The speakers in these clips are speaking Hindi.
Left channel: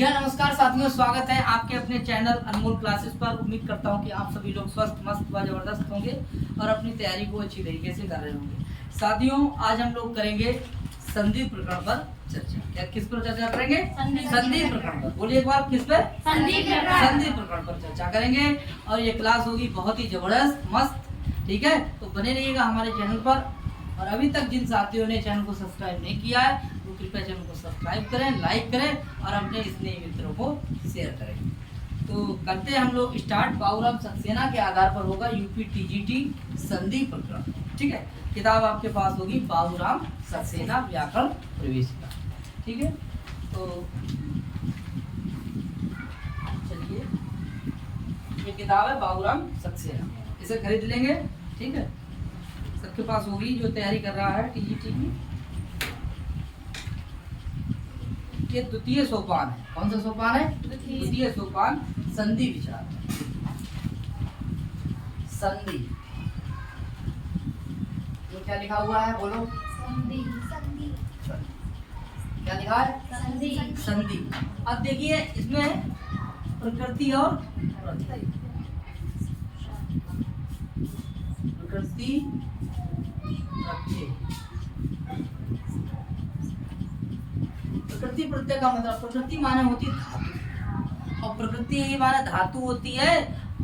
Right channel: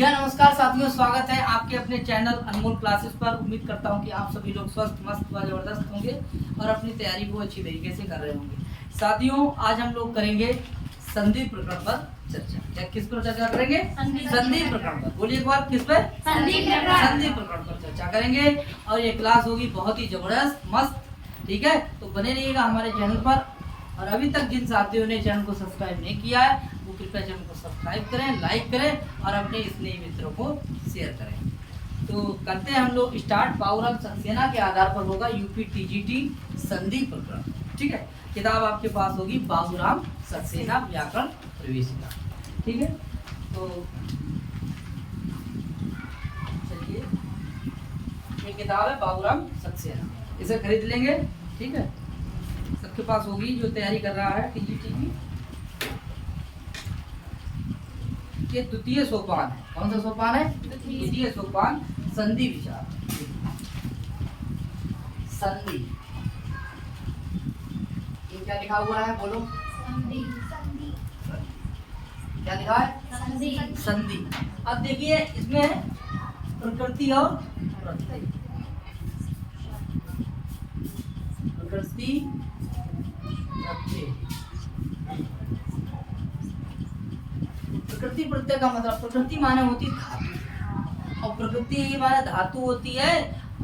जी हाँ, नमस्कार साथियों, स्वागत है आपके अपने चैनल अनमोल क्लासेस पर। उम्मीद करता हूँ कि आप सभी लोग स्वस्थ, मस्त व जबरदस्त होंगे और अपनी तैयारी को अच्छी तरीके से कर रहे होंगे। साथियों, आज हम लोग करेंगे संधि प्रकरण पर चर्चा। क्या किस पर चर्चा करेंगे? संधि प्रकरण पर। बोलिए एक बार, किस पर? संधि प्रकरण पर चर्चा करेंगे और ये क्लास होगी बहुत ही जबरदस्त, मस्त। ठीक है, तो बने रहिएगा हमारे चैनल पर। और अभी तक जिन साथियों ने चैनल को सब्सक्राइब नहीं किया है वो कृपया चैनल को सब्सक्राइब करें, लाइक करें और अपने स्नेही मित्रों को शेयर करें। तो करते हैं हम लोग स्टार्ट। बाबूराम सक्सेना के आधार पर होगा यूपी टीजीटी संधि प्रकरण। ठीक है, किताब आपके पास होगी बाबूराम सक्सेना व्याकरण प्रवेशिका। ठीक है, तो चलिए, ये किताब है बाबूराम सक्सेना, इसे खरीद लेंगे। ठीक है, सबके पास होगी जो तैयारी कर रहा है टीजीटी की। ये द्वितीय सोपान है। कौन सा सोपान है? द्वितीय सोपान, संधि विचार। संधि, ये क्या लिखा हुआ है? बोलो। संधि। क्या लिखा है? संधि। संधि। अब देखिए, इसमें प्रकृति और प्रत्यय। प्रकृति, प्रत्यय। प्रकृति प्रत्यय का मतलब, प्रकृति माने होती है धातु, और प्रकृति ही माने धातु होती है,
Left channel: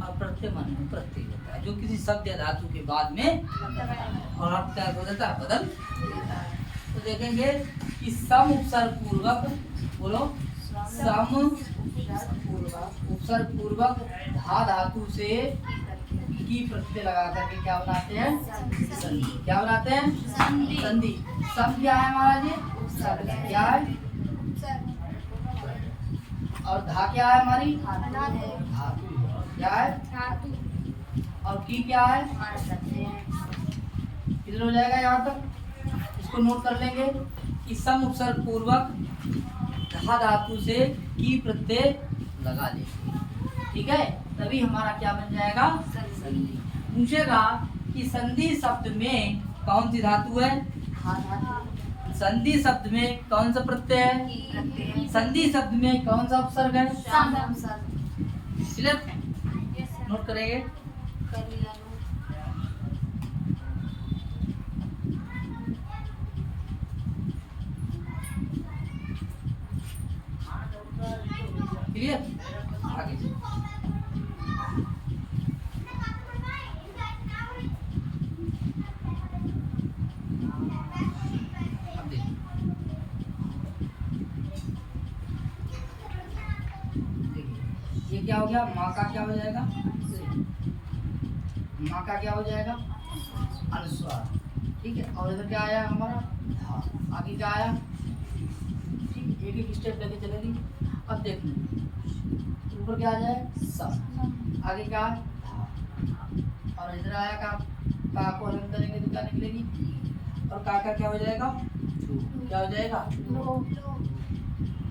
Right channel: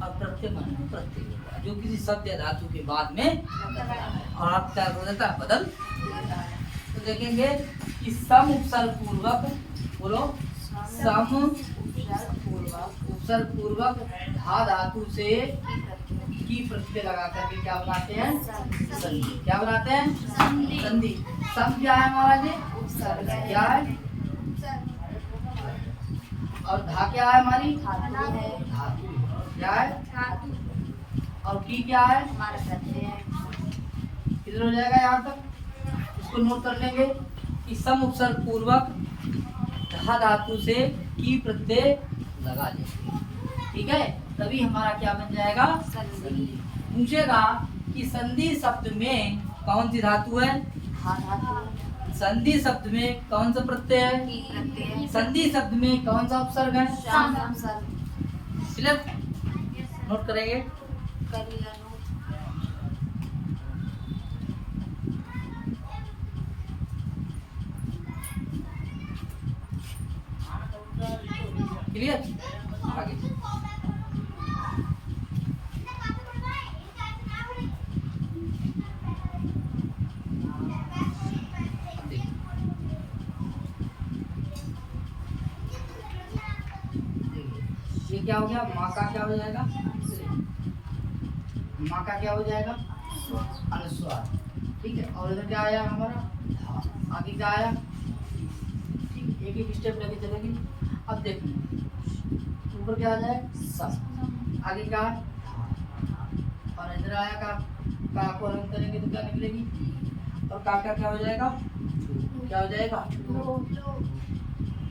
और प्रत्यय माने प्रत्यय होता है जो किसी शब्द या धातु के बाद में और अर्थ क्या हो जाता है, बदल देता है। तो देखेंगे कि सम उपसर्ग पूर्वक, बोलो, सम उपसर्ग पूर्वक धा धातु से की प्रत्यय लगा करके क्या बनाते हैं? संधि। क्या बनाते हैं? संधि। सम क्या है हमारा जी? क्या है? और धा क्या है हमारी? धातु। क्या है? और की क्या है? किधर हो जाएगा? यहाँ तक इसको नोट कर लेंगे कि सम उपसर्ग पूर्वक धा धातु से की प्रत्यय लगा लेंगे। ठीक है, तभी हमारा क्या बन जाएगा? संधि। पूछेगा कि संधि शब्द में कौन सी धातु है? संधि शब्द में कौन सा प्रत्यय है? संधि शब्द में कौन सा उपसर्ग है? क्लियर? नोट करेंगे। क्लियर? आगे ये क्या हो गया? माँ का क्या हो जाएगा? माँ का क्या हो जाएगा? अनुस्वार। ठीक है, और इधर क्या आया हमारा? धा। आगे क्या आया? ठीक, एक एक स्टेप लेके चलेगी। अब देखिए, ऊपर क्या आ जाए? सम। आगे क्या है? धा। और इधर आया का को रंग करेंगे तो क्या निकलेगी? और का क्या हो जाएगा? क्या हो जाएगा?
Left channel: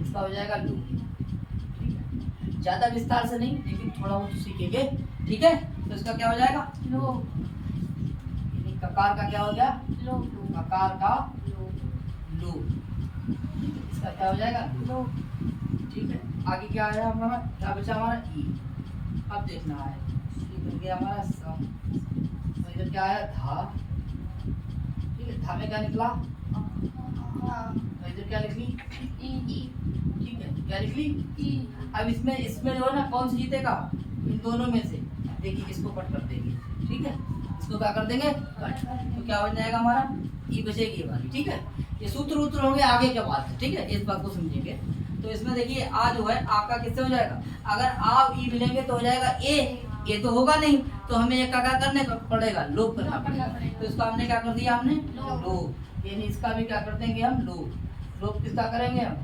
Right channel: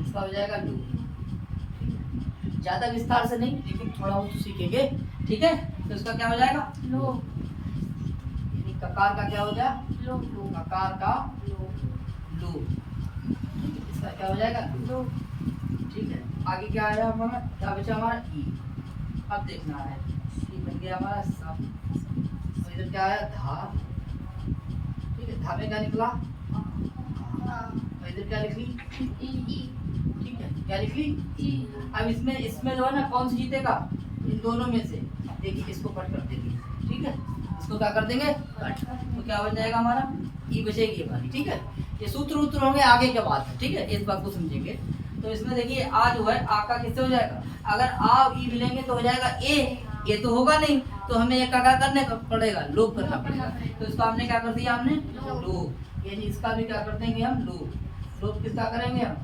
इसका हो जाएगा लो। ज्यादा विस्तार से नहीं, लेकिन थोड़ा बहुत तो सीखेंगे। ठीक है, तो इसका क्या हो जाएगा? लो। ककार का क्या हो गया? लो। ककार का लो। इसका क्या हो जाएगा? लो। ठीक है, आगे क्या आया हमारा? क्या बचा हमारा? ई। अब देखना है, ये बन गया हमारा सम। और इधर क्या आया? धा। ठीक है, धा में क्या निकला? और इधर क्या लिखी? ई। ठीक है, क्या लिखी? अब इसमें जो है ना, कौन सी जीतेगा? इन दोनों में से। देखिए, इसको कट कर देंगे। ठीक है, इसको क्या कर देंगे? कट। तो क्या हो जाएगा हमारा? ई बचेगी हमारी। ठीक है, ये सूत्र उत्तर होंगे आगे के बाद है। ठीक है, इस बात को समझेंगे। तो इसमें देखिए, आ जो है, आ का किससे हो जाएगा? अगर आ ई मिलेंगे तो हो जाएगा ए। ये तो होगा नहीं, तो हमें एक का क्या करने पड़ेगा? लोप करना पड़ेगा। तो इसका हमने क्या कर दिया? हमने लोप। यानी इसका भी क्या कर देंगे हम? लोप। लोप किसका करेंगे हम?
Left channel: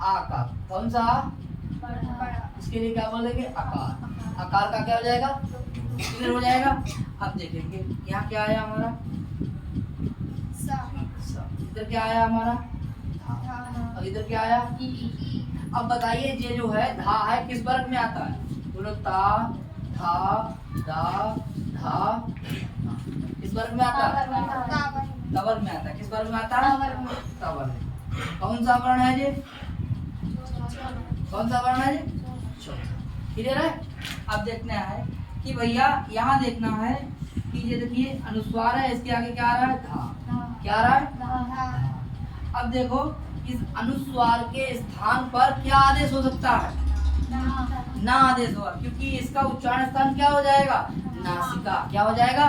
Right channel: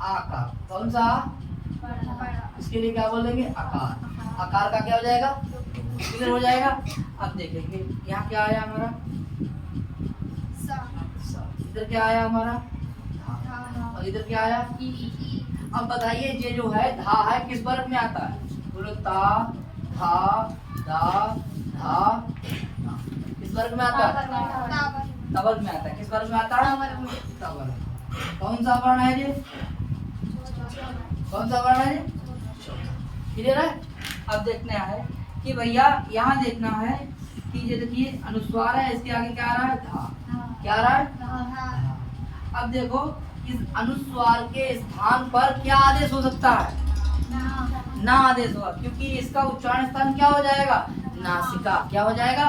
आ का। कौन सा? इसके लिए क्या बोलेंगे? आकार। आकार का क्या हो जाएगा? किधर हो जाएगा? अब देखेंगे, यहाँ क्या आया हमारा? इधर क्या आया हमारा? और इधर क्या आया? अब बताइए, ये जो है धा है, किस वर्ग में आता है? बोलो, ता, था, दा, धा। किस वर्ग में आता है? तवर्ग में आता है। किस वर्ग में आता है? तवर्ग। कौन सा वर्ण है ये? कौन सा वर्ण है ये? चौथा। क्लियर है? अब देखना है कि भैया यहाँ देखना है कि ये देखिए अनुस्वार है, इसके आगे क्या आ रहा है? धा। क्या आ रहा है? धा। अब देखो इस अनुस्वार के स्थान पर क्या आदेश हो सकता है? ना आदेश होगा, क्योंकि इसका उच्चारण स्थान क्या हो जाएगा? नासिका। क्या हो जाएगा?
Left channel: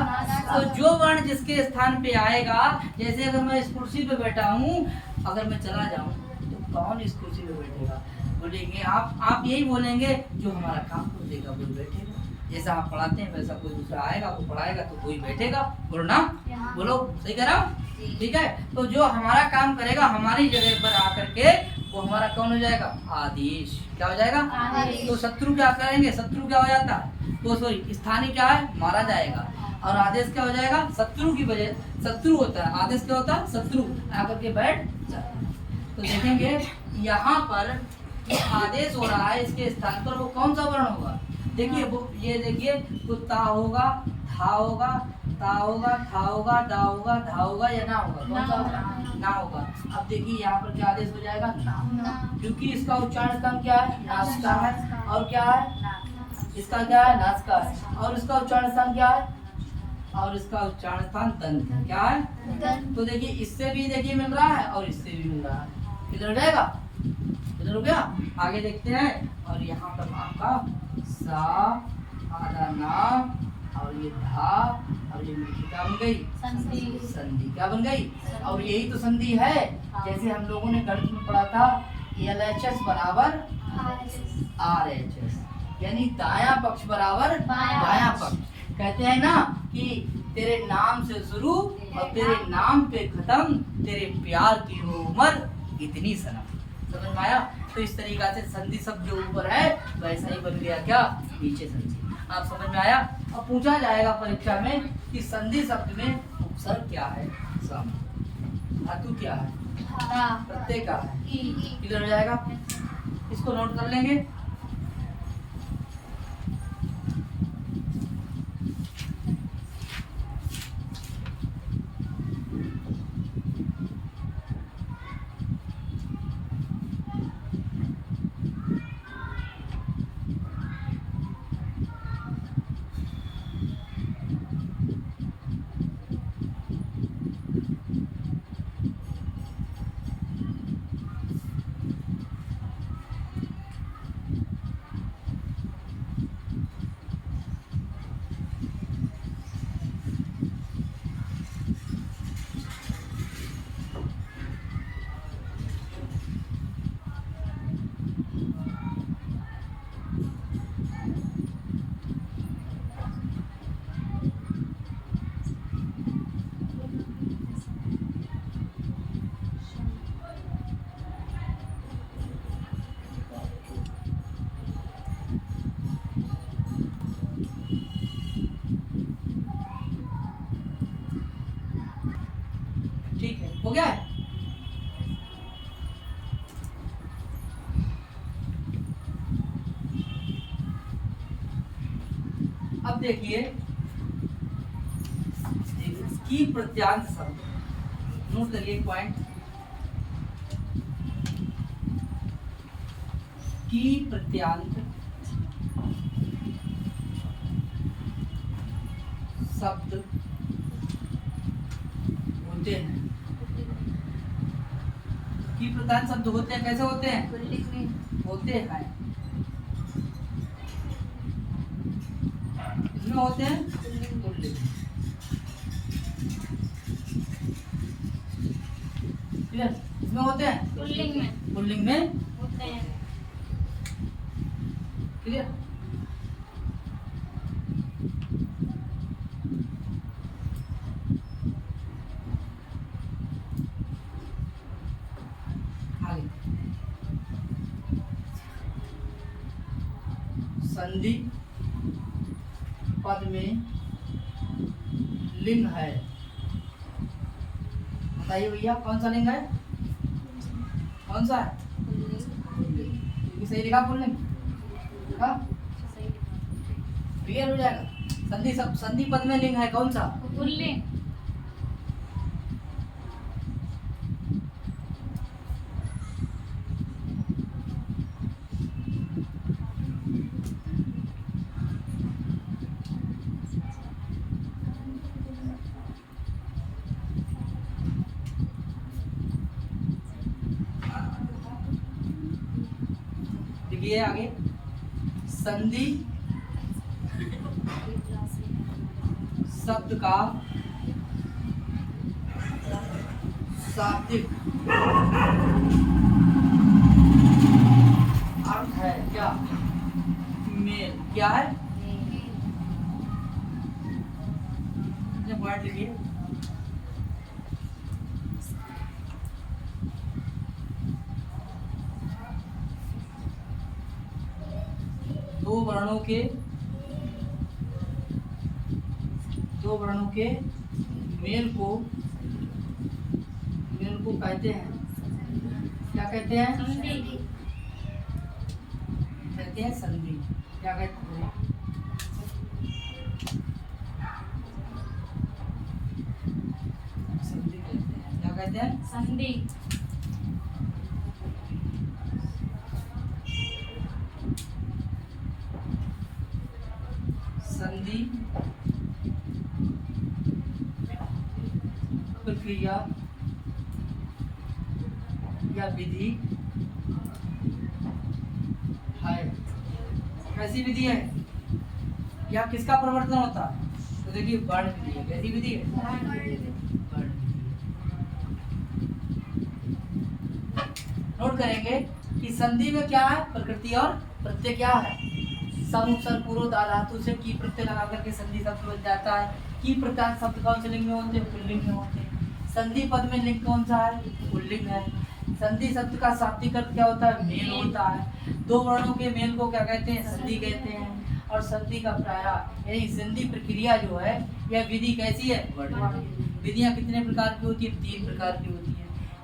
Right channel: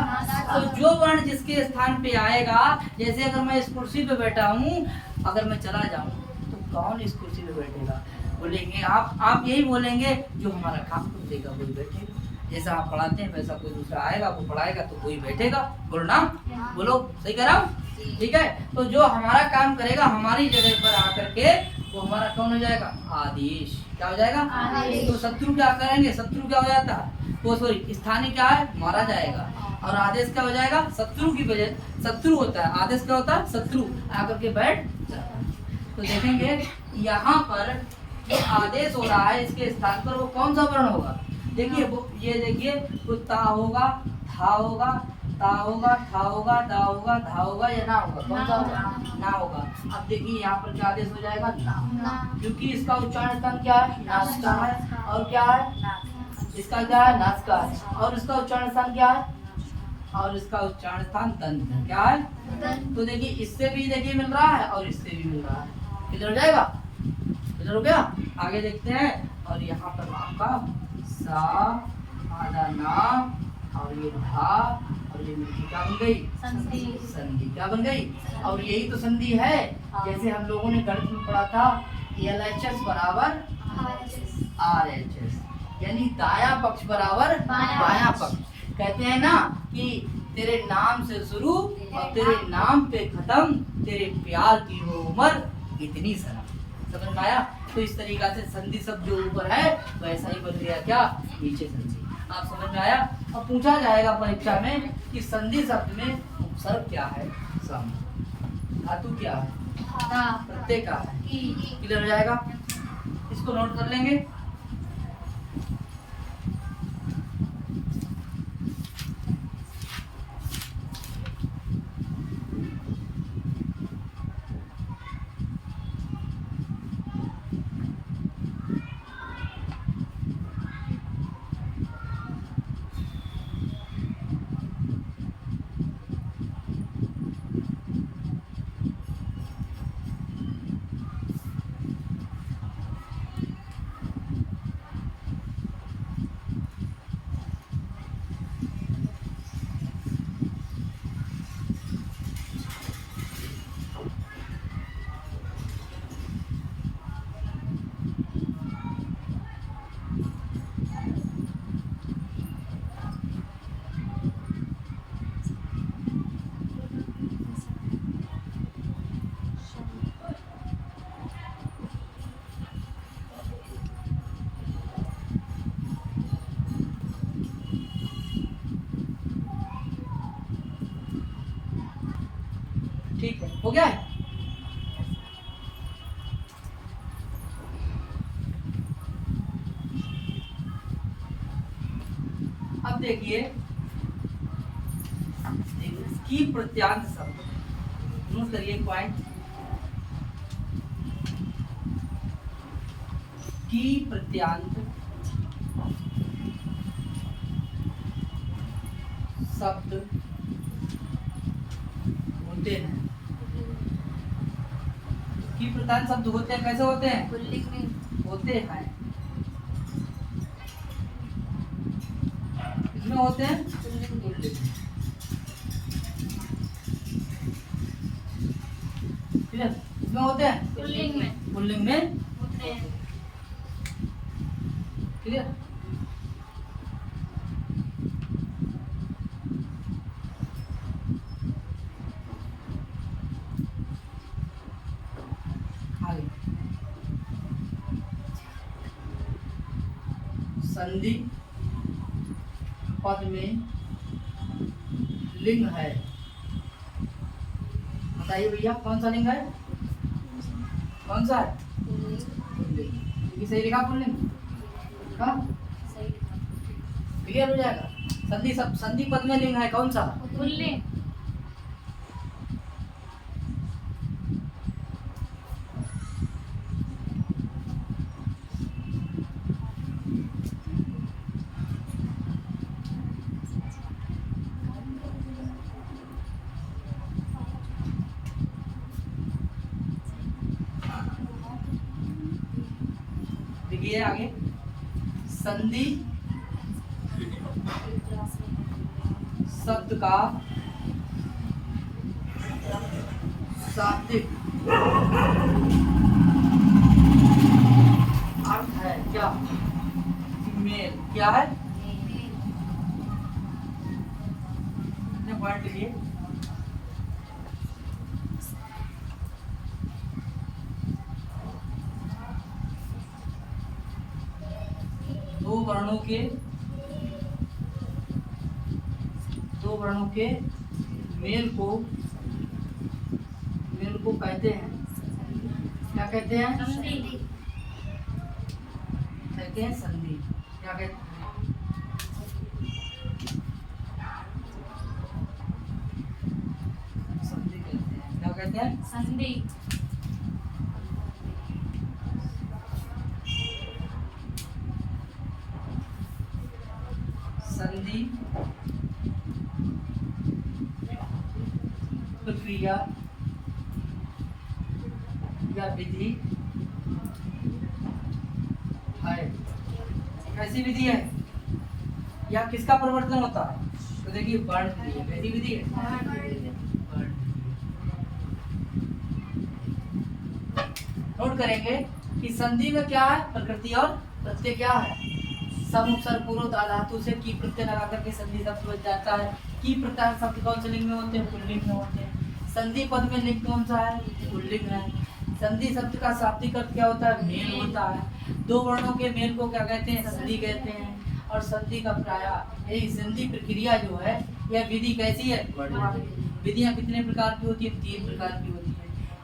तो जो वर्ण जिसके स्थान पे आएगा, जैसे अगर मैं इस कुर्सी पे बैठा हूँ, अगर मैं चला जाऊँ तो कौन इस कुर्सी पे बैठेगा? बोलेंगे आप यही बोलेंगे जो हमारा काम कर देगा वही बैठेगा। जैसा आप पढ़ाते हैं वैसा कोई दूसरा आएगा वो पढ़ाएगा तो कोई बैठेगा। बोलो ना, बोलो सही कह रहा हूँ? ठीक है, तो जो हमारा काम करेगा हमारी जगह पर आकर के वो हमारा कौन हो जाएगा? आदेश। क्या हो जाएगा? आदेश। तो शत्रु क्या करेंगे? शत्रु क्या हो जाता है? तो सॉरी, स्थानीय क्या है? मारा जाएगा। और आदेश क्या हो जाएगा? शत्रु की वजह, शत्रु होता है, आदेश क्या होता है? शत्रु आकर के बैठ जाता है। तो देखेंगे यहाँ पर जो आदेश हो रहा है इसके स्थान पर वो कौन सा वर्ण होगा? देखिए वो ये देखिए, तो ता होगा, था होगा, ता होगा, था होगा, दा होगा, धा होगा या ना होगा? कौन सा होगा? ना होगा। अब देखिए यहाँ पर क्या आदेश हो जाएगा? ना, क्योंकि इसका उच्चारण स्थान क्या है? नासिका है। और क्या है? इसका क्या है? नासिका है। और इसका उच्चारण स्थान क्या है? और इसका उच्चारण स्थान दंत है। क्या है? दंत। तो देखिए इससे भी देखिए मिल रहा है और इससे भी मिल रहा है। किधर हो जाएगा? इधर हो गया। आगे देखते हैं, और यहाँ पर आपका सा, आधा ना, और ये धा, और ये मीठी क्या बन गई? संधि। क्या बन गई? और यही तो संधि है, जैसे हम लोगों ने गणित में पढ़ा था, LHS बराबर RHS, यानी दाया पक्ष बराबर बायां पक्ष। कहते हैं ना कि तेरे नाम से शुरू और तेरे नाम पे खत्म, तेरे प्यार की हो उम्र इतनी सनम। समझ में आया? तो इस तरीका से संधि शब्द जो ऊपर है वैसा ही बन गया क्या? नीचे संधि। आप समझ में आया? अब पूछा जाएगा परीक्षा में कि संधि शब्द में उपसर्ग क्या है? सम। धातु क्या है? प्रत्यय क्या है? क्लियर हो जाएगा? इसको नोट कर लेंगे। ठीक है, हो गया है? अब देखिए की प्रत्यांत शब्द, नोट करिए पॉइंट। की प्रत्यांत शब्द होते हैं। की प्रत्यांत शब्द होते हैं, कैसे होते हैं? होते हैं, इसमें होते हैं पुल्लिंग। इसमें होते हैं पुल्लिंग में होते हैं। क्लियर? आगे संधि पद में लिंग है। बताइए भैया कौन सा लिंग है? कौन सा है? पुल्लिंग। सही लिखा पुल्लिंग? क्लियर हो जाएगा? संधि पद में लिंग है कौन सा? पुल्लिंग। लिखिए आगे। संधि शब्द का शाब्दिक अर्थ है क्या? मेल। क्या है? वर्ड लिखिए। दो वर्णों के मेल को कहते हैं, क्या कहते हैं? कहते हैं संधि। क्या कहते हैं? संधि कहते हैं। क्या कहते हैं? संधि। संधि प्रक्रिया या विधि है। कैसी विधि है या किसका परिवर्तन होता है? तो देखिए वर्ण विधि है। कैसी विधि है? वर्ण। नोट करेंगे कि संधि में क्या है? प्रकृति और प्रत्यय क्या है? सम उपसर्ग पूर्व धातु से की प्रत्यय लगा करके संधि शब्द बन जाता है। की प्रकार शब्द कौन से लिंग में होते हैं? पुल्लिंग में होते हैं। संधि पद में लिंग कौन सा है? पुल्लिंग है। संधि शब्द का शाब्दिक अर्थ क्या होता है? मेल होता है। दो वर्णों के मेल को क्या कहते हैं? संधि कहते हैं। और संधि का प्रायः यही संधि प्रक्रिया जो है यह विधि कैसी है? विधियां कितने प्रकार की होती है? 3 प्रकार की होती है।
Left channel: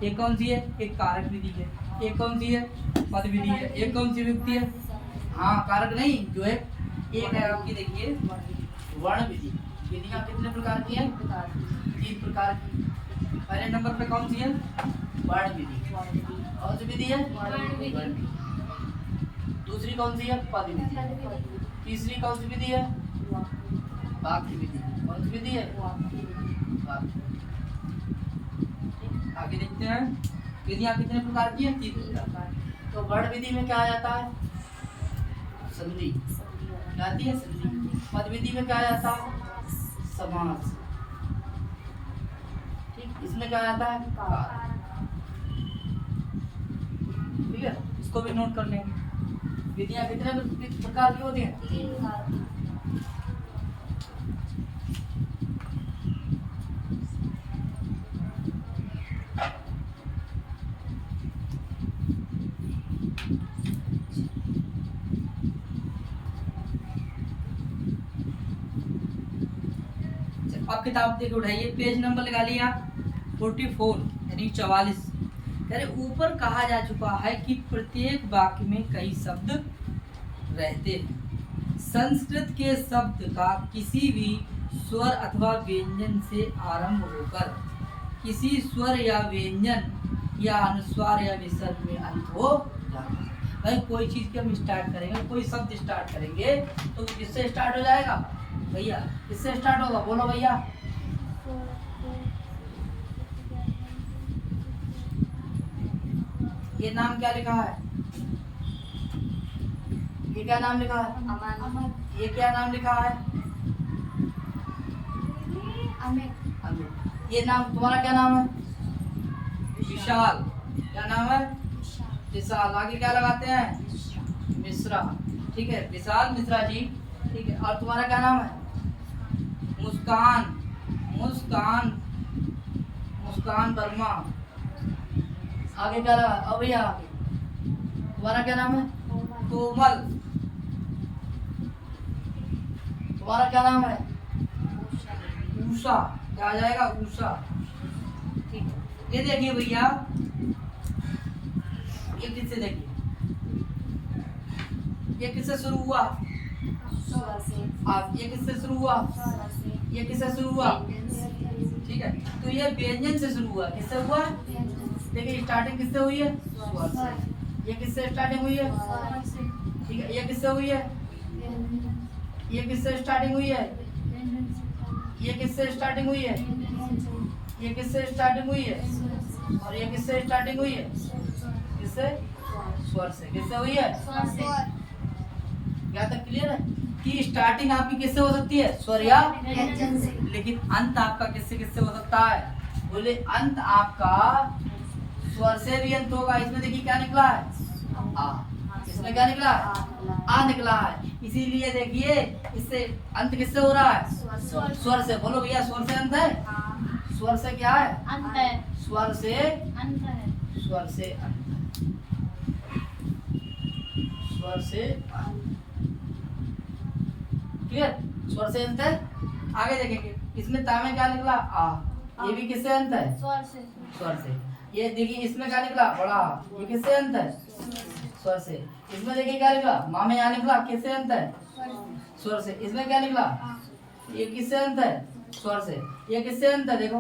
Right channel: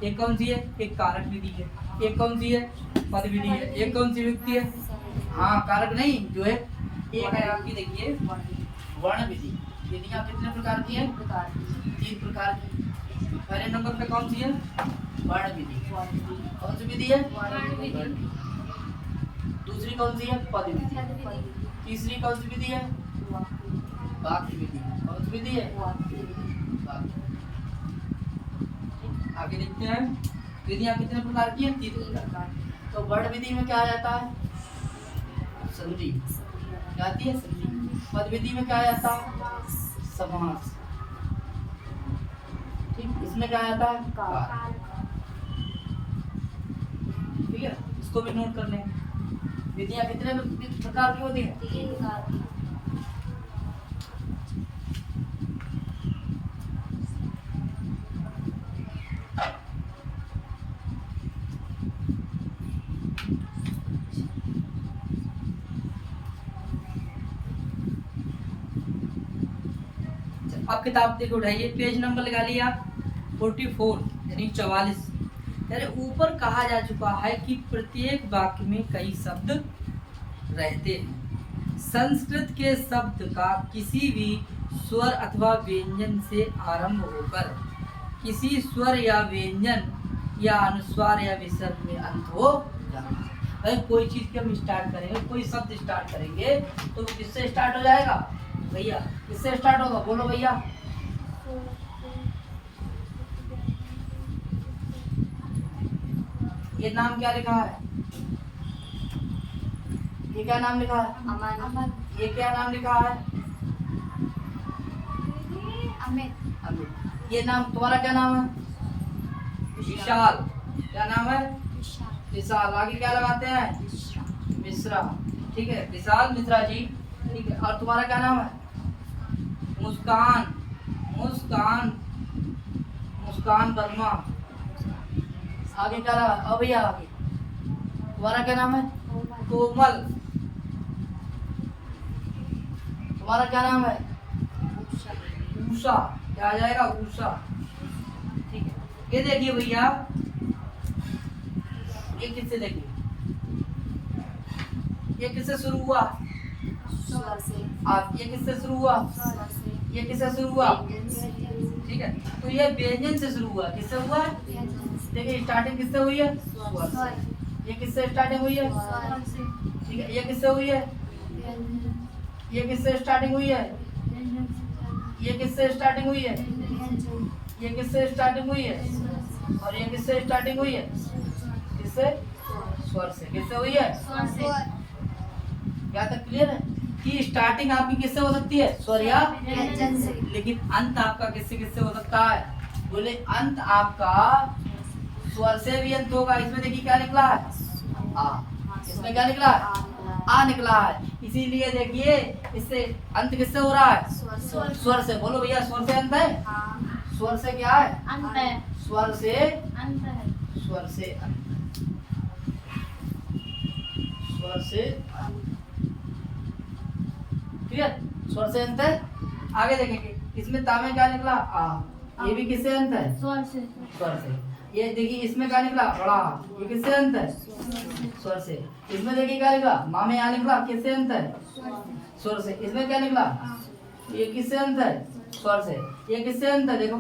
एक कौन सी है? एक कारक विधि है। एक कौन सी है? पद विधि है। एक कौन सी विधि है? हाँ, कारक नहीं, जो है एक है आपकी, देखिए वर्ण विधि। विधियां कितने प्रकार की हैं? 3 प्रकार की। पहले नंबर पे कौन सी है? वर्ण विधि। कौन सी विधि है? वर्ण विधि। दूसरी कौन सी है? पद विधि। तीसरी कौन सी विधि है? वाक्य विधि। कौन सी विधि है? वाक्य। आगे देखते हैं विधियां कितने प्रकार की हैं? 3 प्रकार। तो वर्ण विधि में क्या आ जाता है? संधि। क्या आती है? संधि। पद विधि में क्या आ जाता है? समास। ठीक, इसमें क्या आता है? कारक। ठीक है, इसको भी नोट कर लेंगे। विधियां कितने प्रकार की होती हैं? 3 प्रकार की। अब किताब देखो, उठाइए, पेज नंबर लगा लिया आप 44 यानी 44। यानी ऊपर कहा जा चुका है कि प्रत्येक वाक्य में कई शब्द रहते हैं। संस्कृत के शब्द का किसी भी स्वर अथवा व्यंजन से आरंभ होकर किसी स्वर या व्यंजन या अनुस्वार या विसर्ग में अंत हो जाता है। भाई कोई चीज के हम स्टार्ट करेंगे, कोई शब्द स्टार्ट करेंगे तो किससे स्टार्ट हो जाएगा भैया? किससे स्टार्ट होगा? बोलो भैया। ये नाम क्या लिखा है? ये क्या नाम लिखा है? अमन। ये क्या नाम लिखा है? अमित। ये नाम तुम्हारा क्या नाम है? विशाल। क्या नाम है? विशाल। आगे क्या लगाते हैं? मिश्रा। ठीक है, विशाल मिश्रा जी। ठीक है, और तुम्हारा क्या नाम है? मुस्कान। मुस्कान वर्मा। आगे क्या लगा? अब भैया आगे तुम्हारा क्या नाम है? कोमल। तुम्हारा क्या नाम है? उषा। क्या आ जाएगा? उषा। ठीक है, ये देखिए भैया, ये किससे? देखिए ये किससे शुरू हुआ? ये किससे शुरू हुआ? ये किससे शुरू हुआ? ठीक है, तो ये व्यंजन से शुरू हुआ। किससे हुआ? देखिए स्टार्टिंग किससे हुई है? स्वर से। ये किससे स्टार्टिंग हुई है? ठीक है, ये किससे हुई है? ये किससे स्टार्टिंग हुई है? ये किससे स्टार्टिंग हुई है? ये किससे स्टार्टिंग हुई है? और ये किससे स्टार्टिंग हुई है? किससे? स्वर से। किससे हुई है? स्वर से। क्या तक क्लियर है कि स्टार्टिंग आपकी किससे हो सकती है? स्वर या व्यंजन से। लेकिन अंत आपका किससे किससे हो सकता है? बोले अंत आपका स्वर से भी अंत होगा। इसमें देखिए क्या निकला है? आ। इसमें क्या निकला है? आ निकला है। इसीलिए देखिए इससे अंत किससे हो रहा है? स्वर से। बोलो भैया स्वर से अंत है? स्वर से क्या है? अंत है। स्वर से अंत है। स्वर से अंत। स्वर से क्लियर? स्वर से अंत है। आगे देखेंगे इसमें ता में क्या निकला? आ। ये भी किससे अंत है? स्वर से। स्वर से। ये देखिए इसमें क्या निकला? बड़ा। ये किससे अंत है? स्वर से। इसमें देखिए क्या निकला? माँ में यहाँ निकला। किससे अंत है? स्वर से। इसमें क्या निकला? ये किससे अंत है? स्वर से। ये किससे अंत है? देखो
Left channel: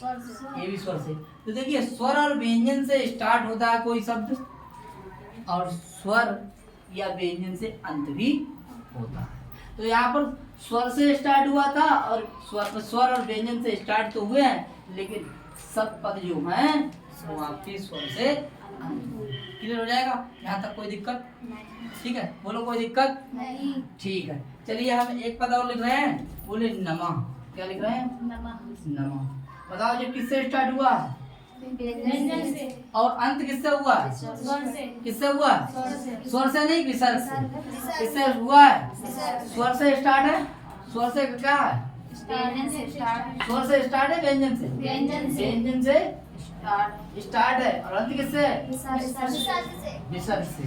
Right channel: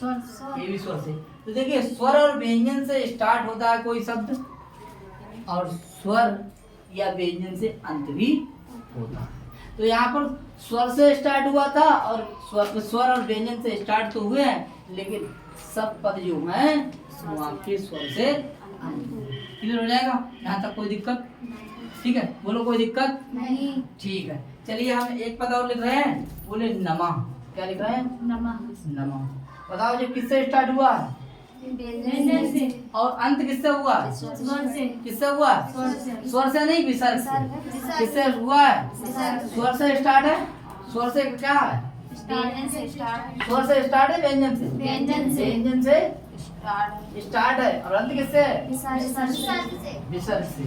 स्वर से। ये भी स्वर से। तो देखिए स्वर और व्यंजन से स्टार्ट होता है कोई शब्द और स्वर या व्यंजन से अंत भी होता है। तो यहाँ पर स्वर से स्टार्ट हुआ था और स्वर और व्यंजन से स्टार्ट तो हुए हैं, लेकिन सब पद जो हैं वो आपके स्वर से क्लियर हो जाएगा। यहाँ तक कोई दिक्कत? ठीक है, बोलो कोई दिक्कत नहीं। ठीक है। चलिए हम एक पद और लिख रहे हैं। बोले नमः। क्या लिख रहे हैं? नमः। नमः। बताओ ये किससे स्टार्ट हुआ? व्यंजन से। और अंत किससे हुआ? स्वर से। किससे हुआ? स्वर से। स्वर से नहीं, विसर्ग से। किससे हुआ है? स्वर से स्टार्ट है। स्वर से क्या है? व्यंजन से स्टार्ट। स्वर से स्टार्ट है, व्यंजन से। व्यंजन से। व्यंजन से स्टार्ट है और अंत किससे? विसर्ग से। विसर्ग से।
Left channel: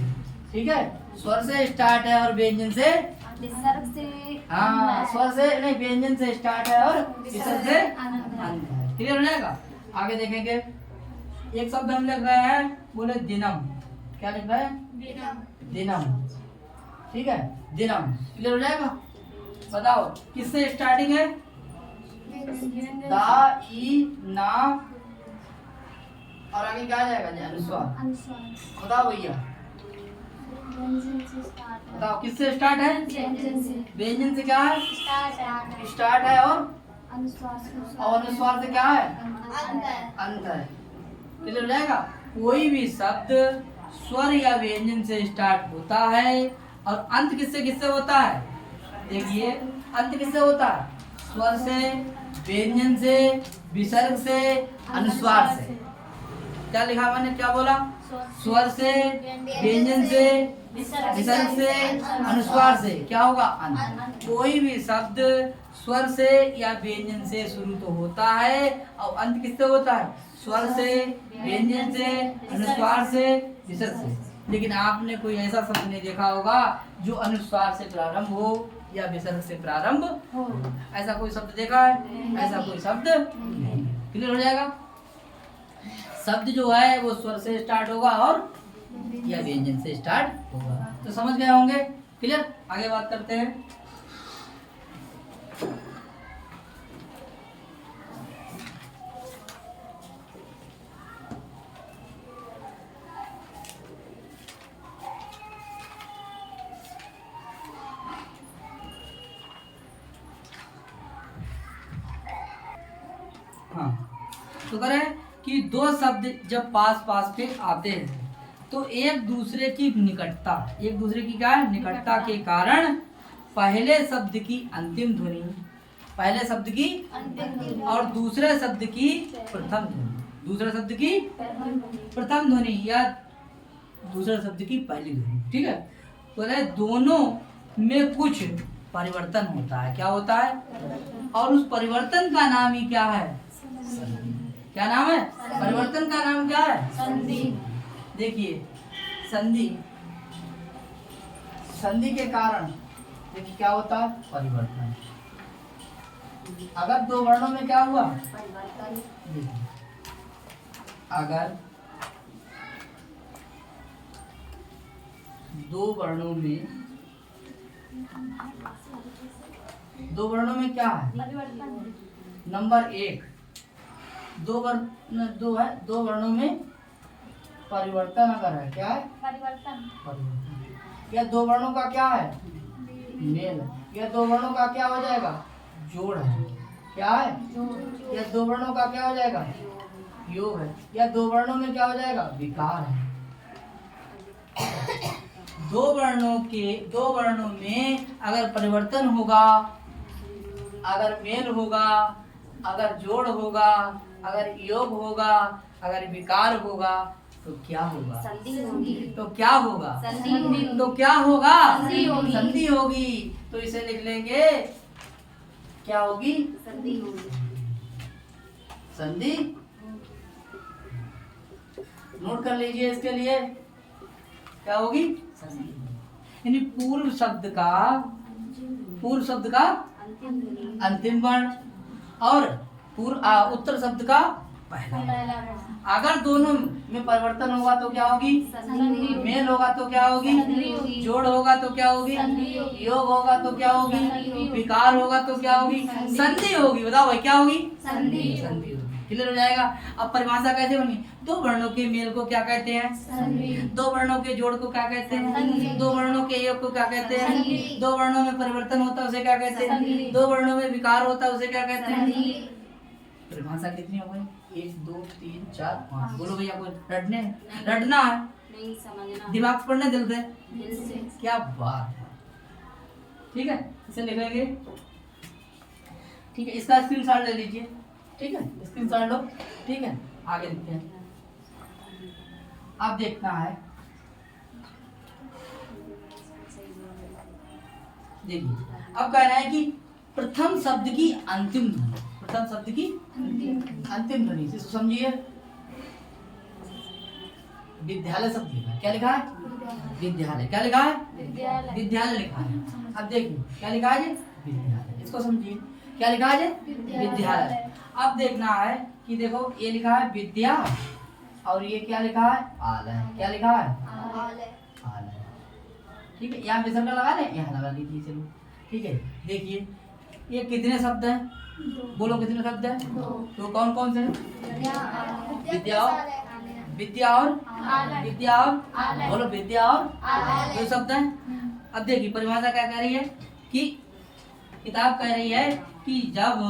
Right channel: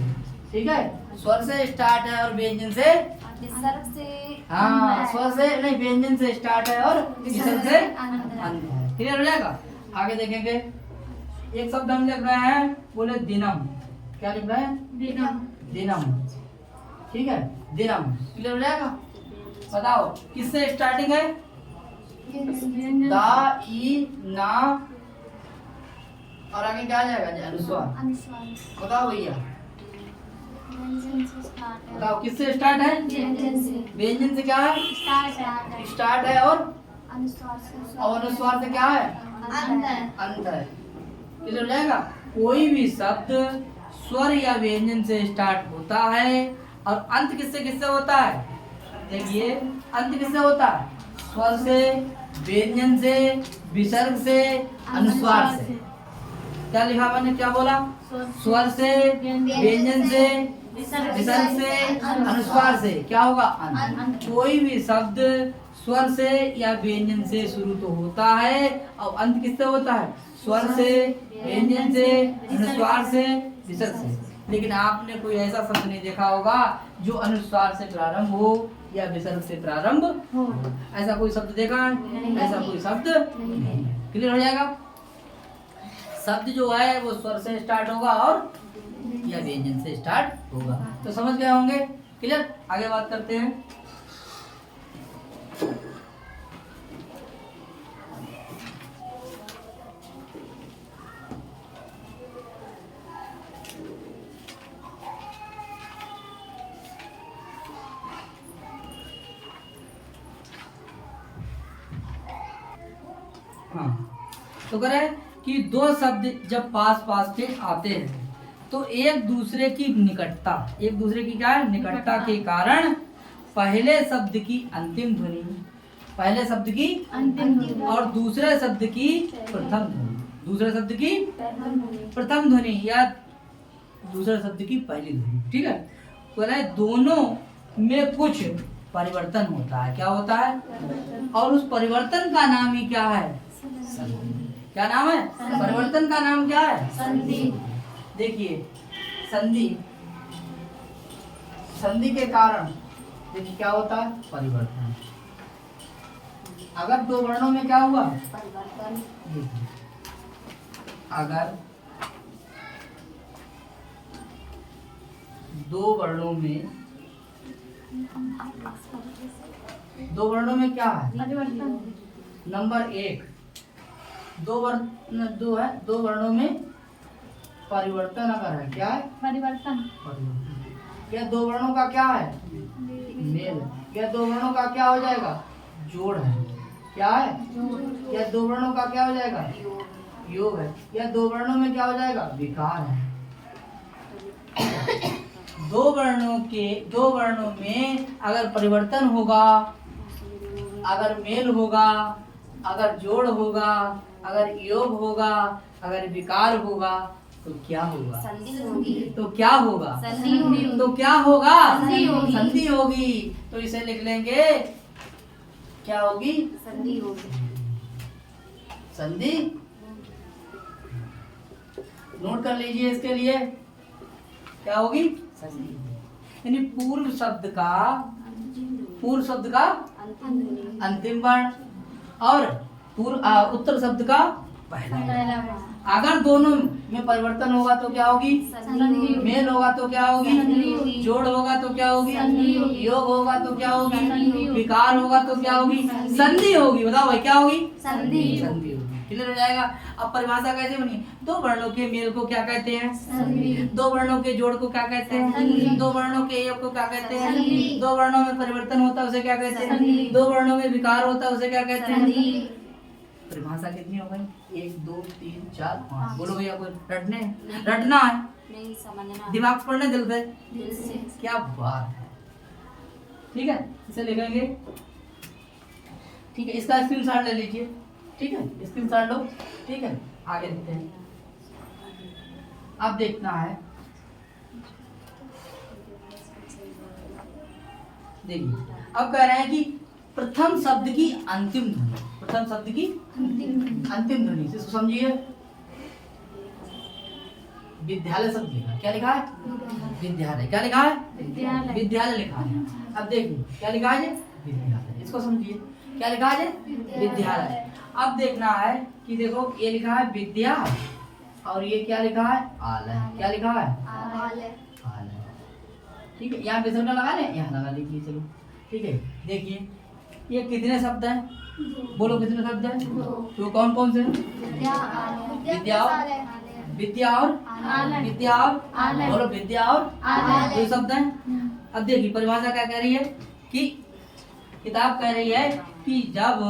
ठीक है, स्वर से स्टार्ट है और व्यंजन से। विसर्ग से। हाँ, स्वर से नहीं, व्यंजन से स्टार्ट है और विसर्ग से अंत है। अंत है। क्लियर हो जाएगा। आगे देखेंगे एक शब्द हम लिख रहे हैं। बोले दिनम। क्या लिख रहे हैं? दिनम। दिनम। ठीक है, दिनम। क्लियर हो जाएगा। बताओ किससे स्टार्टिंग है? व्यंजन दा, ई, ना और आगे क्या आ जाएगा? अनुस्वार। अनुस्वार। बताओ भैया, व्यंजन से स्टार्ट है। बताओ किससे स्टार्ट है? व्यंजन से। व्यंजन से क्या है? स्टार्ट है। स्टार्ट है और अनुस्वार से। और अनुस्वार से क्या है? अंत है। अंत है। क्लियर हो जाएगा। कोई भी शब्द स्वर या व्यंजन से स्टार्ट होता है और अंत किससे किससे होता है? देखिए अंत किससे होता है? स्वर से, व्यंजन से, विसर्ग से, अनुस्वार से। क्या लिखा मैंने? क्या बोला? स्वर से, व्यंजन से, विसर्ग से, अनुस्वार से। क्या होगा? अंत। कोई भी शब्द स्वर से या व्यंजन से शुरू तो होता है और अंत किससे होता है? स्वर से, व्यंजन से, अनुस्वार से, विसर्ग से। लेकिन आपने कोई ऐसा शब्द नहीं देखा होगा जो अनुस्वार से प्रारंभ हो या विसर्ग से प्रारंभ हो। ऐसा कोई शब्द देखा है? ऐसा कोई शब्द नहीं है। क्लियर हो जाएगा। शब्द जो है वो स्वर से स्टार्ट होगा और या व्यंजन से स्टार्ट होगा। तो समझ गए होंगे। क्लियर। आगे बात करते हैं। हाँ, तो कह रहे हैं कि दो शब्द जब पास पास के आते हैं तो एक दूसरे की निकटता, एक दूसरे की क्या है? निकटता के कारण पहले शब्द की अंतिम ध्वनि, पहले शब्द की अंतिम और दूसरे शब्द की प्रथम ध्वनि, दूसरे शब्द की प्रथम ध्वनि या दूसरे शब्द की पहली ध्वनि। ठीक है, बोले दोनों में कुछ परिवर्तन होता है। क्या होता है? और उस परिवर्तन का नाम ही क्या है? संधि। क्या नाम है? परिवर्तन का नाम क्या है? संधि। देखिए संधि, संधि के कारण देखिए क्या होता है? परिवर्तन। अगर दो वर्णों में क्या हुआ? परिवर्तन। देखिए अगर दो वर्णों में क्या है? परिवर्तन। नंबर एक, दो वर्णों में परिवर्तन अगर है, क्या है? परिवर्तन। परिवर्तन। या दो वर्णों का क्या है? मेल। या दो वर्णों का क्या हो जाएगा? जोड़ है। क्या है? या दो वर्णों का क्या हो जाएगा? योग है। या दो वर्णों में क्या हो जाएगा? विकार है। दो वर्णों में अगर परिवर्तन होगा, अगर मेल होगा, अगर जोड़ होगा, अगर योग होगा, अगर विकार होगा तो क्या होगा? संधि होगी। तो क्या होगा? संधि होगी। तो क्या होगा? संधि होगी। संधि होगी। तो इसे लिख लेंगे, क्या होगी? संधि होगी। संधि। नोट कर लीजिए इसके लिए, क्या होगी? संधि। यानी पूर्व शब्द का अंतिम वर्ण और उत्तर शब्द का पहला वर्ण। अगर दोनों में परिवर्तन होगा तो क्या होगी? संधि। मेल होगा तो क्या होगी? संधि होगी। जोड़ होगा तो क्या होगी? संधि होगी। योग होगा तो क्या होगी? संधि होगी। विकार होगा तो क्या होगी? संधि। संधि होगी। बताओ भाई, क्या होगी? संधि। संधि होगी। क्लियर हो जाएगा। अब परिभाषा कैसे बनी? दो वर्णों के मेल को क्या कहते हैं? संधि। दो वर्णों के जोड़ को क्या कहते संधि। हैं? दो वर्णों के योग को क्या कहते हैं? संधि। दो वर्णों में परिवर्तन होता है उसे क्या कहते हैं? संधि। दो वर्णों में विकार होता है उसे क्या कहते हैं? संधि। परिभाषा कितनी हो गई? 1 2 3 4 5। बोलो भैया, कोई रटना है, नहीं समझना। दिमाग से पढ़ने दिल से। दिल से। क्या बात है। ठीक है, इसे लिखेंगे। ठीक है, इसका स्क्रीनशॉट ले लीजिए। ठीक है, स्क्रीनशॉट लो। ठीक है, आगे लिखते हैं। अब देखना है, देखिए अब कह रहा है कि प्रथम शब्द की अंतिम ध्वनि, प्रथम शब्द की अंतिम ध्वनि से समझिए। विद्यालय शब्द लिखा है, क्या लिखा है? विद्यालय। क्या लिखा है? विद्यालय लिखा है। अब देखिए क्या लिखा है? विद्यालय। इसको समझिए, क्या लिखा है? विद्यालय। अब देखना है कि देखो ये लिखा है विद्या और ये क्या लिखा है? आलय। क्या लिखा है? आलय। ठीक है, यहाँ विसर्ग लगा लें, यहाँ लगा लीजिए। चलो ठीक है, देखिए ये कितने शब्द हैं? बोलो कितने शब्द हैं? तो कौन कौन से हैं? विद्या और बोलो विद्या और दो शब्द हैं। अब देखिए परिभाषा क्या कह रही है कि किताब कह रही है कि जब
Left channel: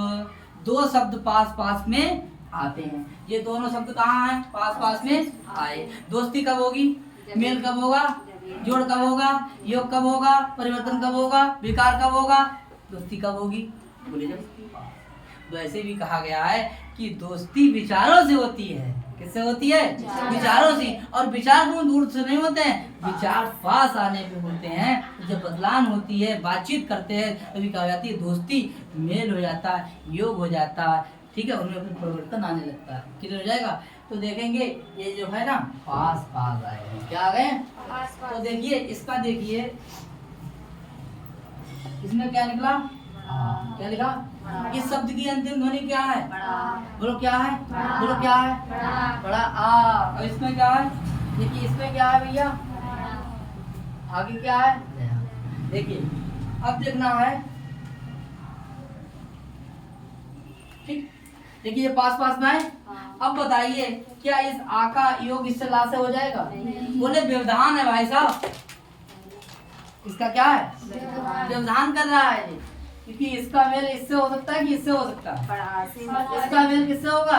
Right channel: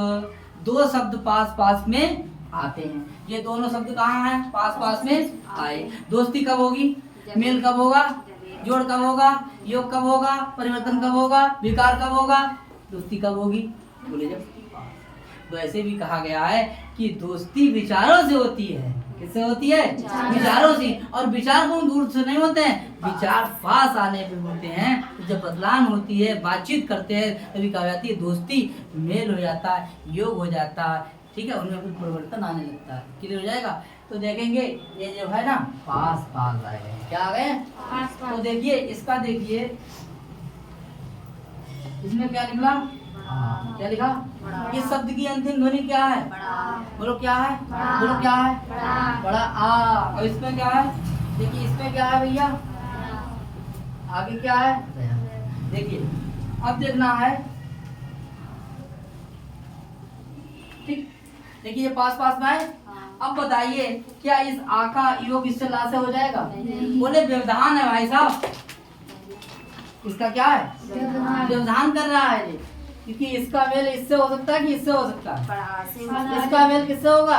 दो शब्द पास पास में आते हैं, ये दोनों शब्द कहाँ हैं? पास पास में आए। दोस्ती कब होगी? मेल कब होगा? जोड़ कब होगा? योग कब होगा? परिवर्तन कब होगा? विकार कब होगा? दोस्ती कब होगी? बोले जब वैसे भी कहा गया है कि दोस्ती विचारों से होती है। किससे होती है? विचारों से। और विचार को दूर से नहीं होते हैं, विचार पास आने पे होते हैं। जब बदलाव होती है, बातचीत करते हैं, तभी कहा जाती है दोस्ती। मेल हो जाता है, योग हो जाता है। ठीक है, उनमें कुछ परिवर्तन आने लगता है। क्लियर हो जाएगा। तो देखेंगे ये जो है ना पास पास आए हैं। क्या आ गए? तो देखिए इसका, देखिए इसमें क्या निकला? क्या लिखा? इस शब्द की अंतिम ध्वनि क्या है? बोलो क्या है? बोलो क्या है? बड़ा आ। और इसमें क्या है? देखिए इसमें क्या है भैया? आगे क्या है? देखिए अब देखना है। ठीक, देखिए ये पास पास में है। अब बताइए क्या इस आ का योग इससे ला से हो जाएगा? बोले व्यवधान है भाई साहब। इसका क्या है? व्यवधान कर रहा है ये, क्योंकि इसका मेल इससे हो सकता है कि इससे हो सकता है। इसका मेल किससे होगा?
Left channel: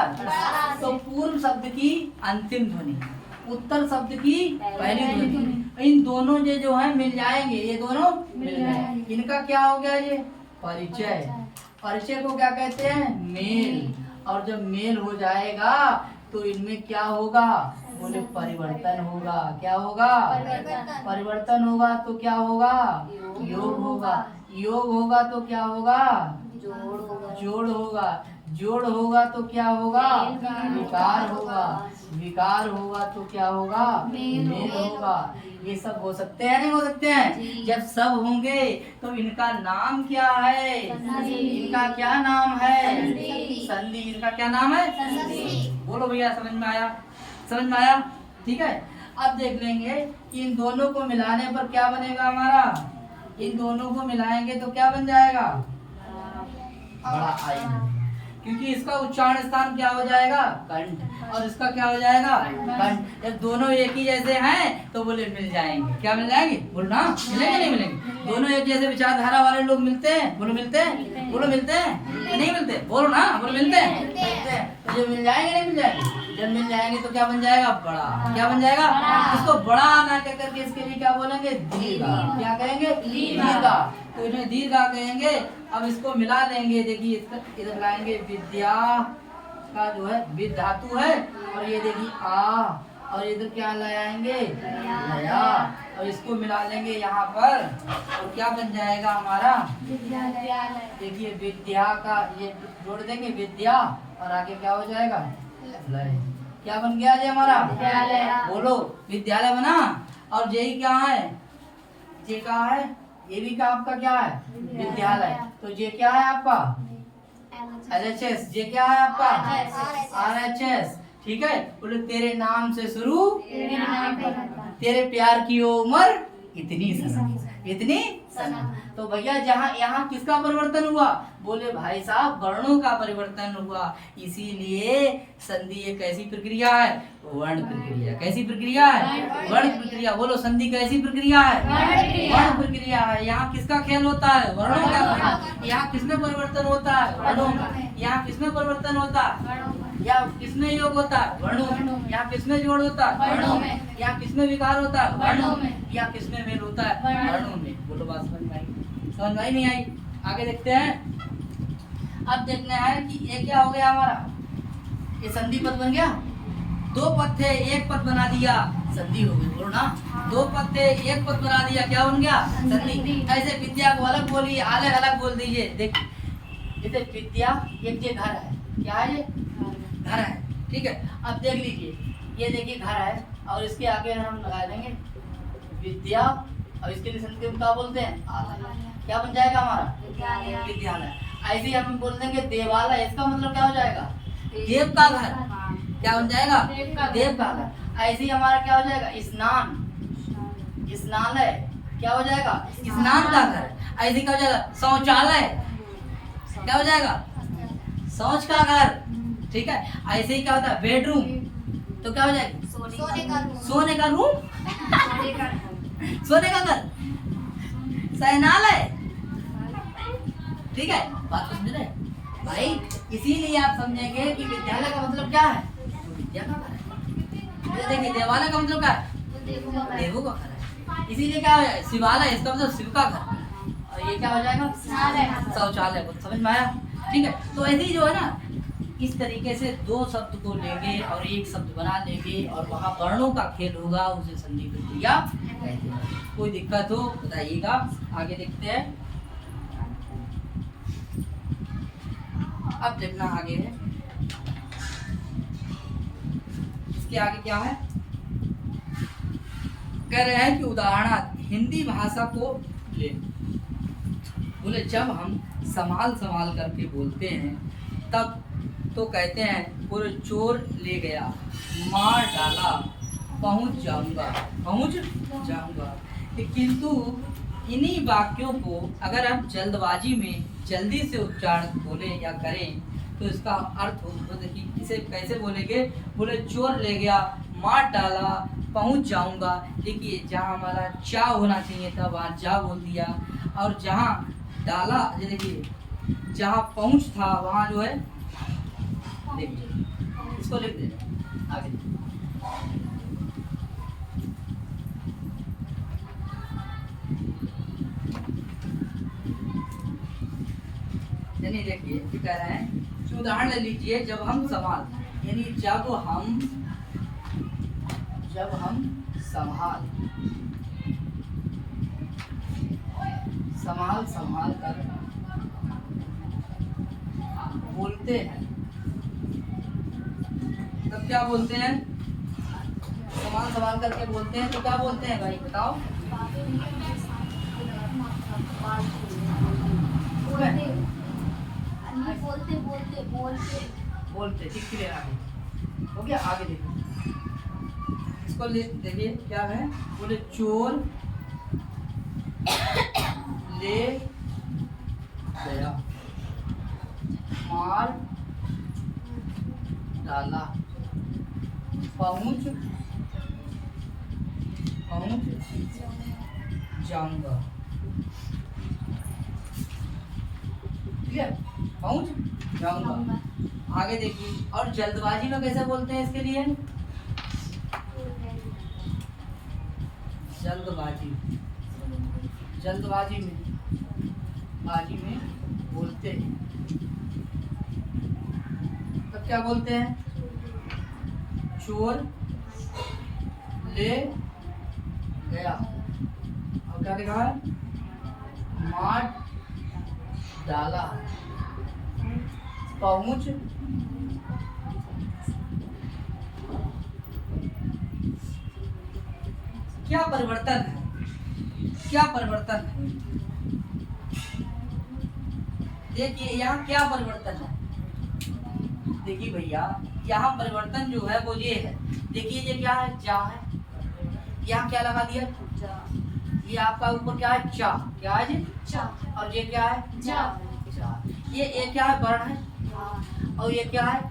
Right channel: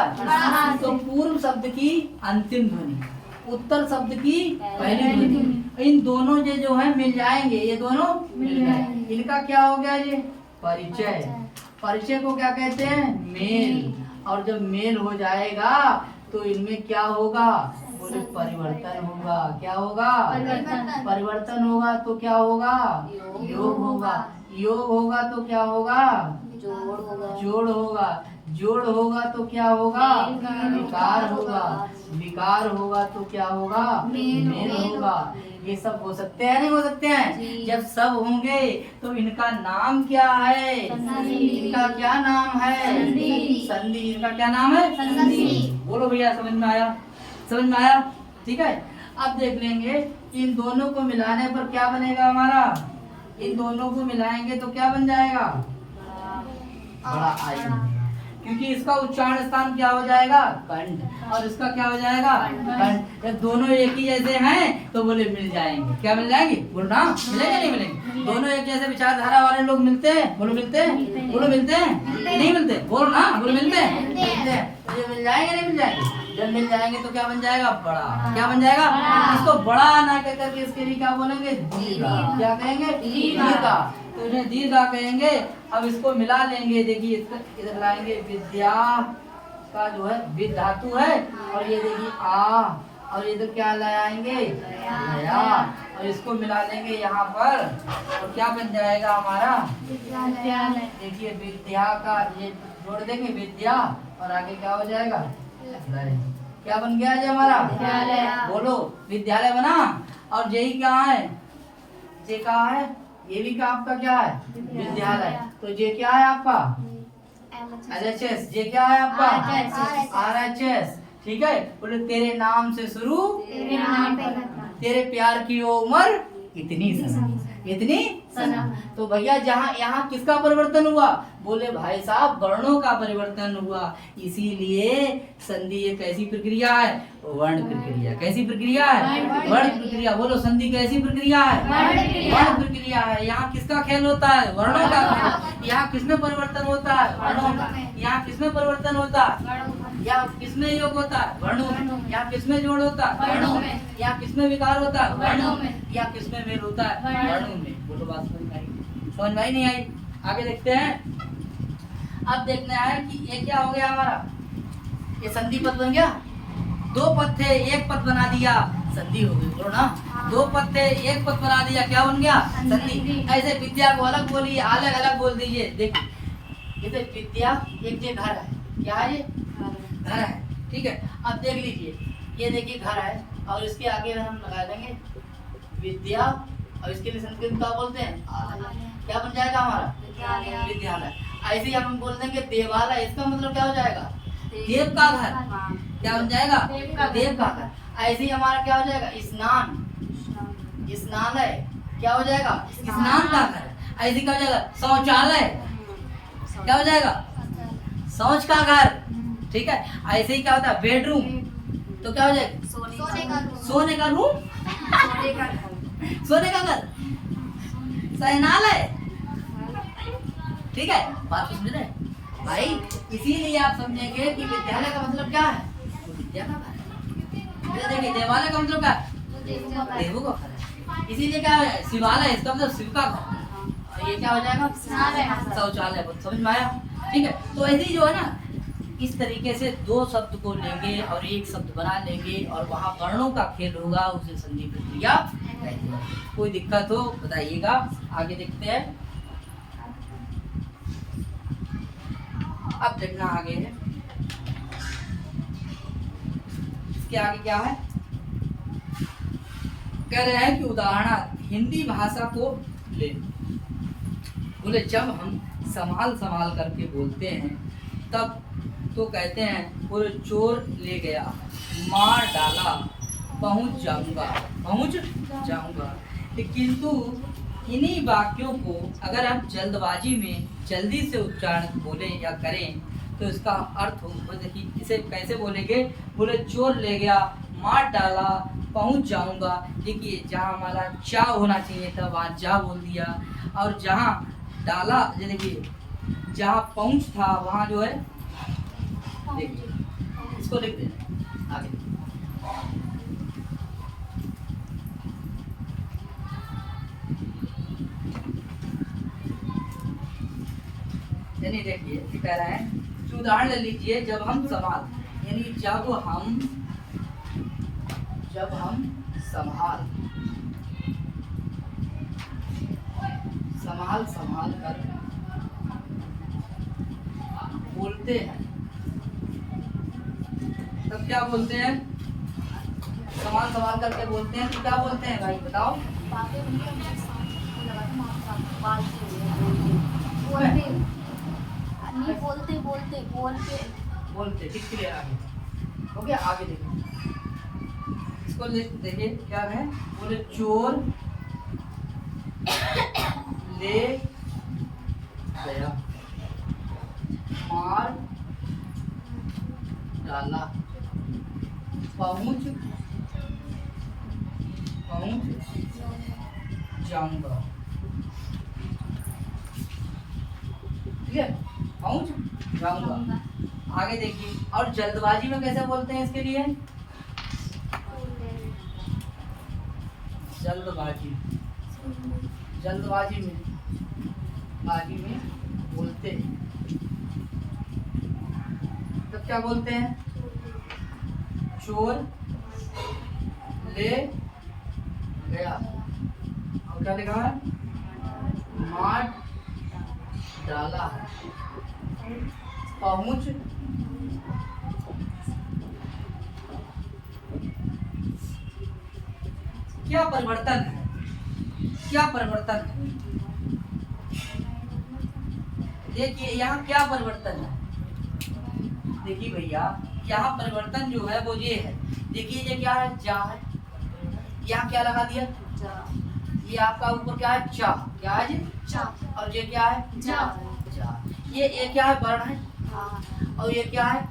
तो पूर्व शब्द की अंतिम ध्वनि, उत्तर शब्द की पहली ध्वनि, इन दोनों जो है मिल जाएंगे। ये दोनों मिल जाएंगे। इनका क्या हो गया? ये परिचय। परिचय को क्या कहते हैं? मेल। और जब मेल हो जाएगा तो इनमें क्या होगा? बोले परिवर्तन होगा। क्या होगा? परिवर्तन होगा तो क्या होगा? योग होगा। योग होगा तो क्या होगा? जोड़ होगा। जोड़ होगा तो क्या होगा? विकार होगा। विकार होगा तो क्या होगा? मेल होगा। ये सब हो सकते हैं नहीं हो सकते हैं? जब सब होंगे तो इनका नाम क्या है? इनका क्या नाम है? संधि। इनका क्या नाम है? बोलो भैया, समझ में आया? समझ में आया? ठीक है, अब देख लेंगे इन दोनों को मिलाने पर क्या बनेगा हमारा। इन दोनों को मिलाएंगे तो क्या बन जाएगा? बड़ा आई। क्योंकि इसका उच्चारण स्थान क्या हो जाएगा? कंठ। और इसका क्या हो जाएगा? कंठ। जब दोनों एक ही जैसे हैं तो बोले मिल जाएंगे। क्या मिल जाएंगे? बोलो ना, मिलेंगे नहीं मिलेंगे? दोनों एक जैसे विचारधारा वाले लोग मिलते हैं। बोलो मिलते हैं? बोलो मिलते हैं? नहीं मिलते? बोलो ना, बोलो मिलते हैं? मिलते हैं। तो ये मिल जाएंगे नहीं मिल जाएंगे? जब मिल जाएंगे तो क्या बन जाएगा? बड़ा। क्या बन जाएगा? इसको बड़ा ना कह करके इसके लिए क्या बोलेंगे? दीर्घा। क्या कहेंगे? दीर्घा। तो इन्हें दीर्घा कहेंगे। अब इसको मिला लेंगे। देखिए इधर लाएंगे विद्या का जो है विद धातु है, और ये देखिए आ, और इधर क्या लाएंगे? दया। और इसको मिला लेंगे यहाँ पर, और क्या बन जाएगा हमारा? देखिए विद्या का ये जोड़ देंगे विद्या, और आगे क्या हो जाएगा? लय। क्या बन गया जी हमारा? बोलो, विद्यालय बना। और यही क्या है? ये क्या है? ये भी का आपका क्या है? विद्यालय। तो ये क्या है आपका? LHS। ये क्या है आपका? RHS। ठीक है। बोले तेरे नाम से शुरू, तेरे प्यार की उम्र इतनी सनम, इतनी सनम। तो भैया जहाँ यहाँ किसका परिवर्तन हुआ? बोले भाई साहब वर्णों का परिवर्तन हुआ। इसीलिए संधि एक कैसी प्रक्रिया है? वर्ण प्रक्रिया। कैसी प्रक्रिया है? वर्ण प्रक्रिया। बोलो संधि कैसी प्रक्रिया है? वर्ण प्रक्रिया है। यहाँ किसका खेल होता है? वर्णों का खेल। यहाँ किसमें परिवर्तन होता है? वर्णों में। यहाँ किसमें परिवर्तन होता है? या किसमें योग होता है? वर्णों में। यहाँ किसमें जोड़ होता है? वर्णों में। यहाँ किसमें विकार होता है? वर्णों में। या किसमें मेल होता है? वर्णों में। बोलो बात समझ में आई? समझ में आई नहीं आई? आगे देखते हैं। अब देखना है कि ये क्या हो गया हमारा? ये संधि पद बन गया। दो पद थे, एक पद बना दिया, संधि हो गई। बोलो ना, दो पद थे, एक पद बना दिया, क्या बन गया? संधि। ऐसे विद्या को अलग बोलिए, अलग अलग बोल दीजिए। देखिए इसे विद्या, एक ये घर है। क्या है ये? घर है। ठीक है। अब देख लीजिए, ये देखिए घर है, और इसके आगे हम लगा देंगे विद्या, और इसके लिए संस्कृत में क्या बोलते हैं? आलय। क्या बन जाएगा हमारा? विद्यालय। ऐसे ही हम बोल देंगे देवालय। इसका मतलब क्या हो जाएगा? देव का घर। क्या बन जाएगा? देव का घर। ऐसे ही हमारा क्या हो जाएगा? स्नान, स्नानालय। क्या हो जाएगा? स्नान का घर। ऐसे क्या हो जाएगा? शौचालय। क्या हो जाएगा? शौच का घर। ठीक है। ऐसे ही क्या होता है? बेडरूम। तो क्या हो जाएगा? सोने का रूम। सोने का घर। शयनालय। ठीक है। बात समझ रहे भाई? इसीलिए आप समझेंगे कि विद्यालय का मतलब क्या है? विद्या का घर है। देखिए देवालय का मतलब क्या है? देवों का घर है। इसीलिए क्या है? शिवालय, इसका मतलब शिव का घर। और ये क्या हो जाएगा? शौचालय। समझ में आया? ठीक है। तो ऐसे ही जो है ना, इस तरीके से दो शब्द को लेंगे और एक शब्द बना लेंगे, और वहाँ वर्णों का खेल होगा, उसे संधि प्रक्रिया कहते हैं। कोई दिक्कत हो बताइएगा। आगे देखते हैं। अब देखना आगे है, इसके आगे क्या है? कह रहे हैं कि उदाहरण हिंदी भाषा को ले। बोले जब हम संभाल संभाल करके बोलते हैं तब तो कहते हैं पूरे चोर ले गया, मार डाला, पहुंच जाऊंगा, पहुंच जाऊंगा। किंतु इन्हीं वाक्यों को अगर आप जल्दबाजी में जल्दी से उच्चारण बोले या करें तो इसका अर्थ हो, देखिए इसे कैसे बोलेंगे? बोले चोर ले गया, मार डाला, पहुंच जाऊंगा। देखिए जहाँ हमारा चा होना चाहिए था वहाँ जा बोल दिया, और जहाँ डाला, देखिए जहाँ पहुंच था वहाँ जो है, देखिए इसको लिख देना आगे। यानी देखिए क्या कह रहा है, उदाहरण ले लीजिए। जब हम संभाल, यानी जब हम संभाल कर बोलते हैं तब क्या बोलते हैं? संभाल करके बोलते हैं तो क्या बोलते हैं भाई बताओ? बोलते। ठीक क्लियर। आगे हो गया। आगे देखो, इसको देखिए क्या है? बोले चोर ले गया, मार डाला, पहुंच जाऊंगा। ठीक है, पहुंच जाऊंगा। आगे देखिए, और जल्दबाजी में कैसे बोलते हैं इसके लिए? जल्दबाजी, जल्दबाजी में, बाजी में बोलते हैं तब क्या बोलते हैं? चोर ले गया। और क्या लिखा है? मार डाला। पहुंच क्या परिवर्तन है? क्या परिवर्तन है? देखिए यहाँ क्या परिवर्तन है? देखिए भैया, यहाँ परिवर्तन जो है वो ये है। देखिए ये क्या है? जा है। यहाँ क्या लगा दिया? ये आपका ऊपर क्या है? चा। क्या है जी? चा। और ये क्या है? जा। जा। ये क्या है? वर्ण है। और ये क्या है?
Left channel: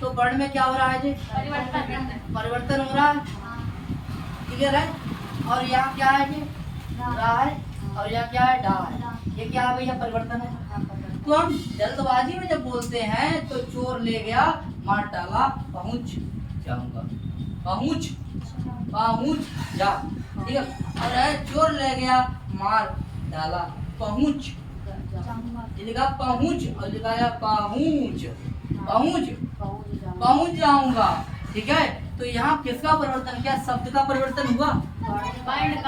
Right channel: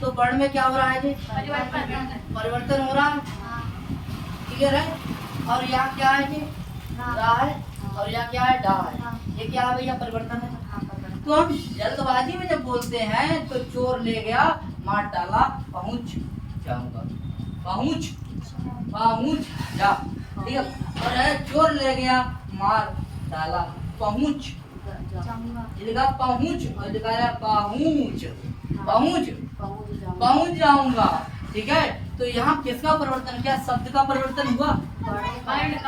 तो वर्ण में क्या हो रहा है जी? परिवर्तन हो रहा है। क्लियर है? और यहाँ क्या है जी? रा है। और यहाँ क्या है? डा है। ये क्या है भैया? परिवर्तन है। तो हम जल्दबाजी में जब बोलते हैं तो चोर ले गया, मार डाला, पहुंच जाऊंगा। पहुंच, पहुंच जा। ठीक है? और चोर ले गया, मार डाला, पहुंच, ये लिखा पहुंच और लिखा है पहुंच, पहुंच, पहुंच जाऊंगा। ठीक है? तो यहाँ किसका परिवर्तन? क्या शब्द का परिवर्तन हुआ?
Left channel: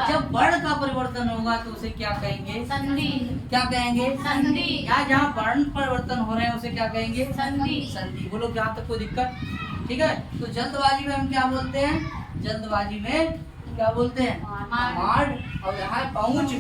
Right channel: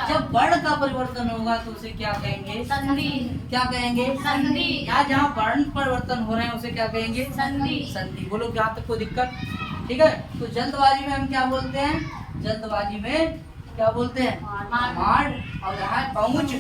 जब वर्ण का परिवर्तन होगा तो उसे क्या कहेंगे? संधि। क्या कहेंगे? संधि। या जहाँ वर्ण परिवर्तन हो रहे हैं उसे क्या कहेंगे? संधि। संधि। बोलो यहाँ तक कोई दिक्कत? ठीक है? तो जल्दबाजी में हम क्या बोलते हैं? जल्दबाजी में क्या बोलते हैं? मार। और यहाँ है पहुंच,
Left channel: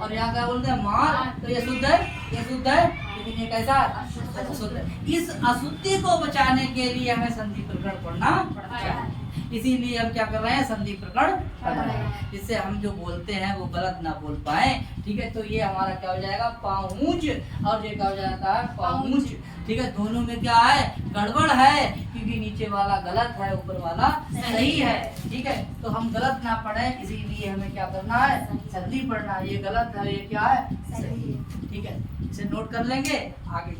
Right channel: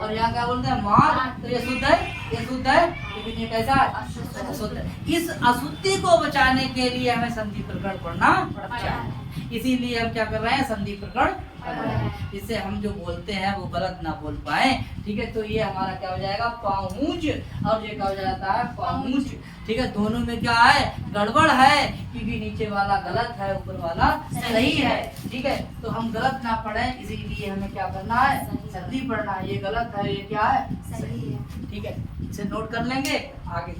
और यहाँ क्या बोलते हैं? मार। तो ये शुद्ध है, ये शुद्ध है, लेकिन ये कैसा है? अशुद्ध है। इस अशुद्धि को बचाने के लिए हमें संधि प्रकरण पढ़ना चाहिए। इसीलिए हम क्या कर रहे हैं? संधि प्रकरण पढ़ रहे हैं, जिससे हम जो बोलते हैं वो गलत ना बोल पाए। ठीक है? तो ये हमारा क्या हो जाएगा? पहुंच, और ये क्या हो जाता है? पहुंच। ठीक है? दोनों में क्या है? गड़बड़ है, क्योंकि नीचे वाला गलत है, ऊपर वाला सही है। ठीक है? तो हम गलत ना पढ़े, इसीलिए हमें क्या करना है? संधि पढ़ना है। ये गलत है, ये क्या है? सही है। ठीक है? इसे नोट कर लेंगे। आगे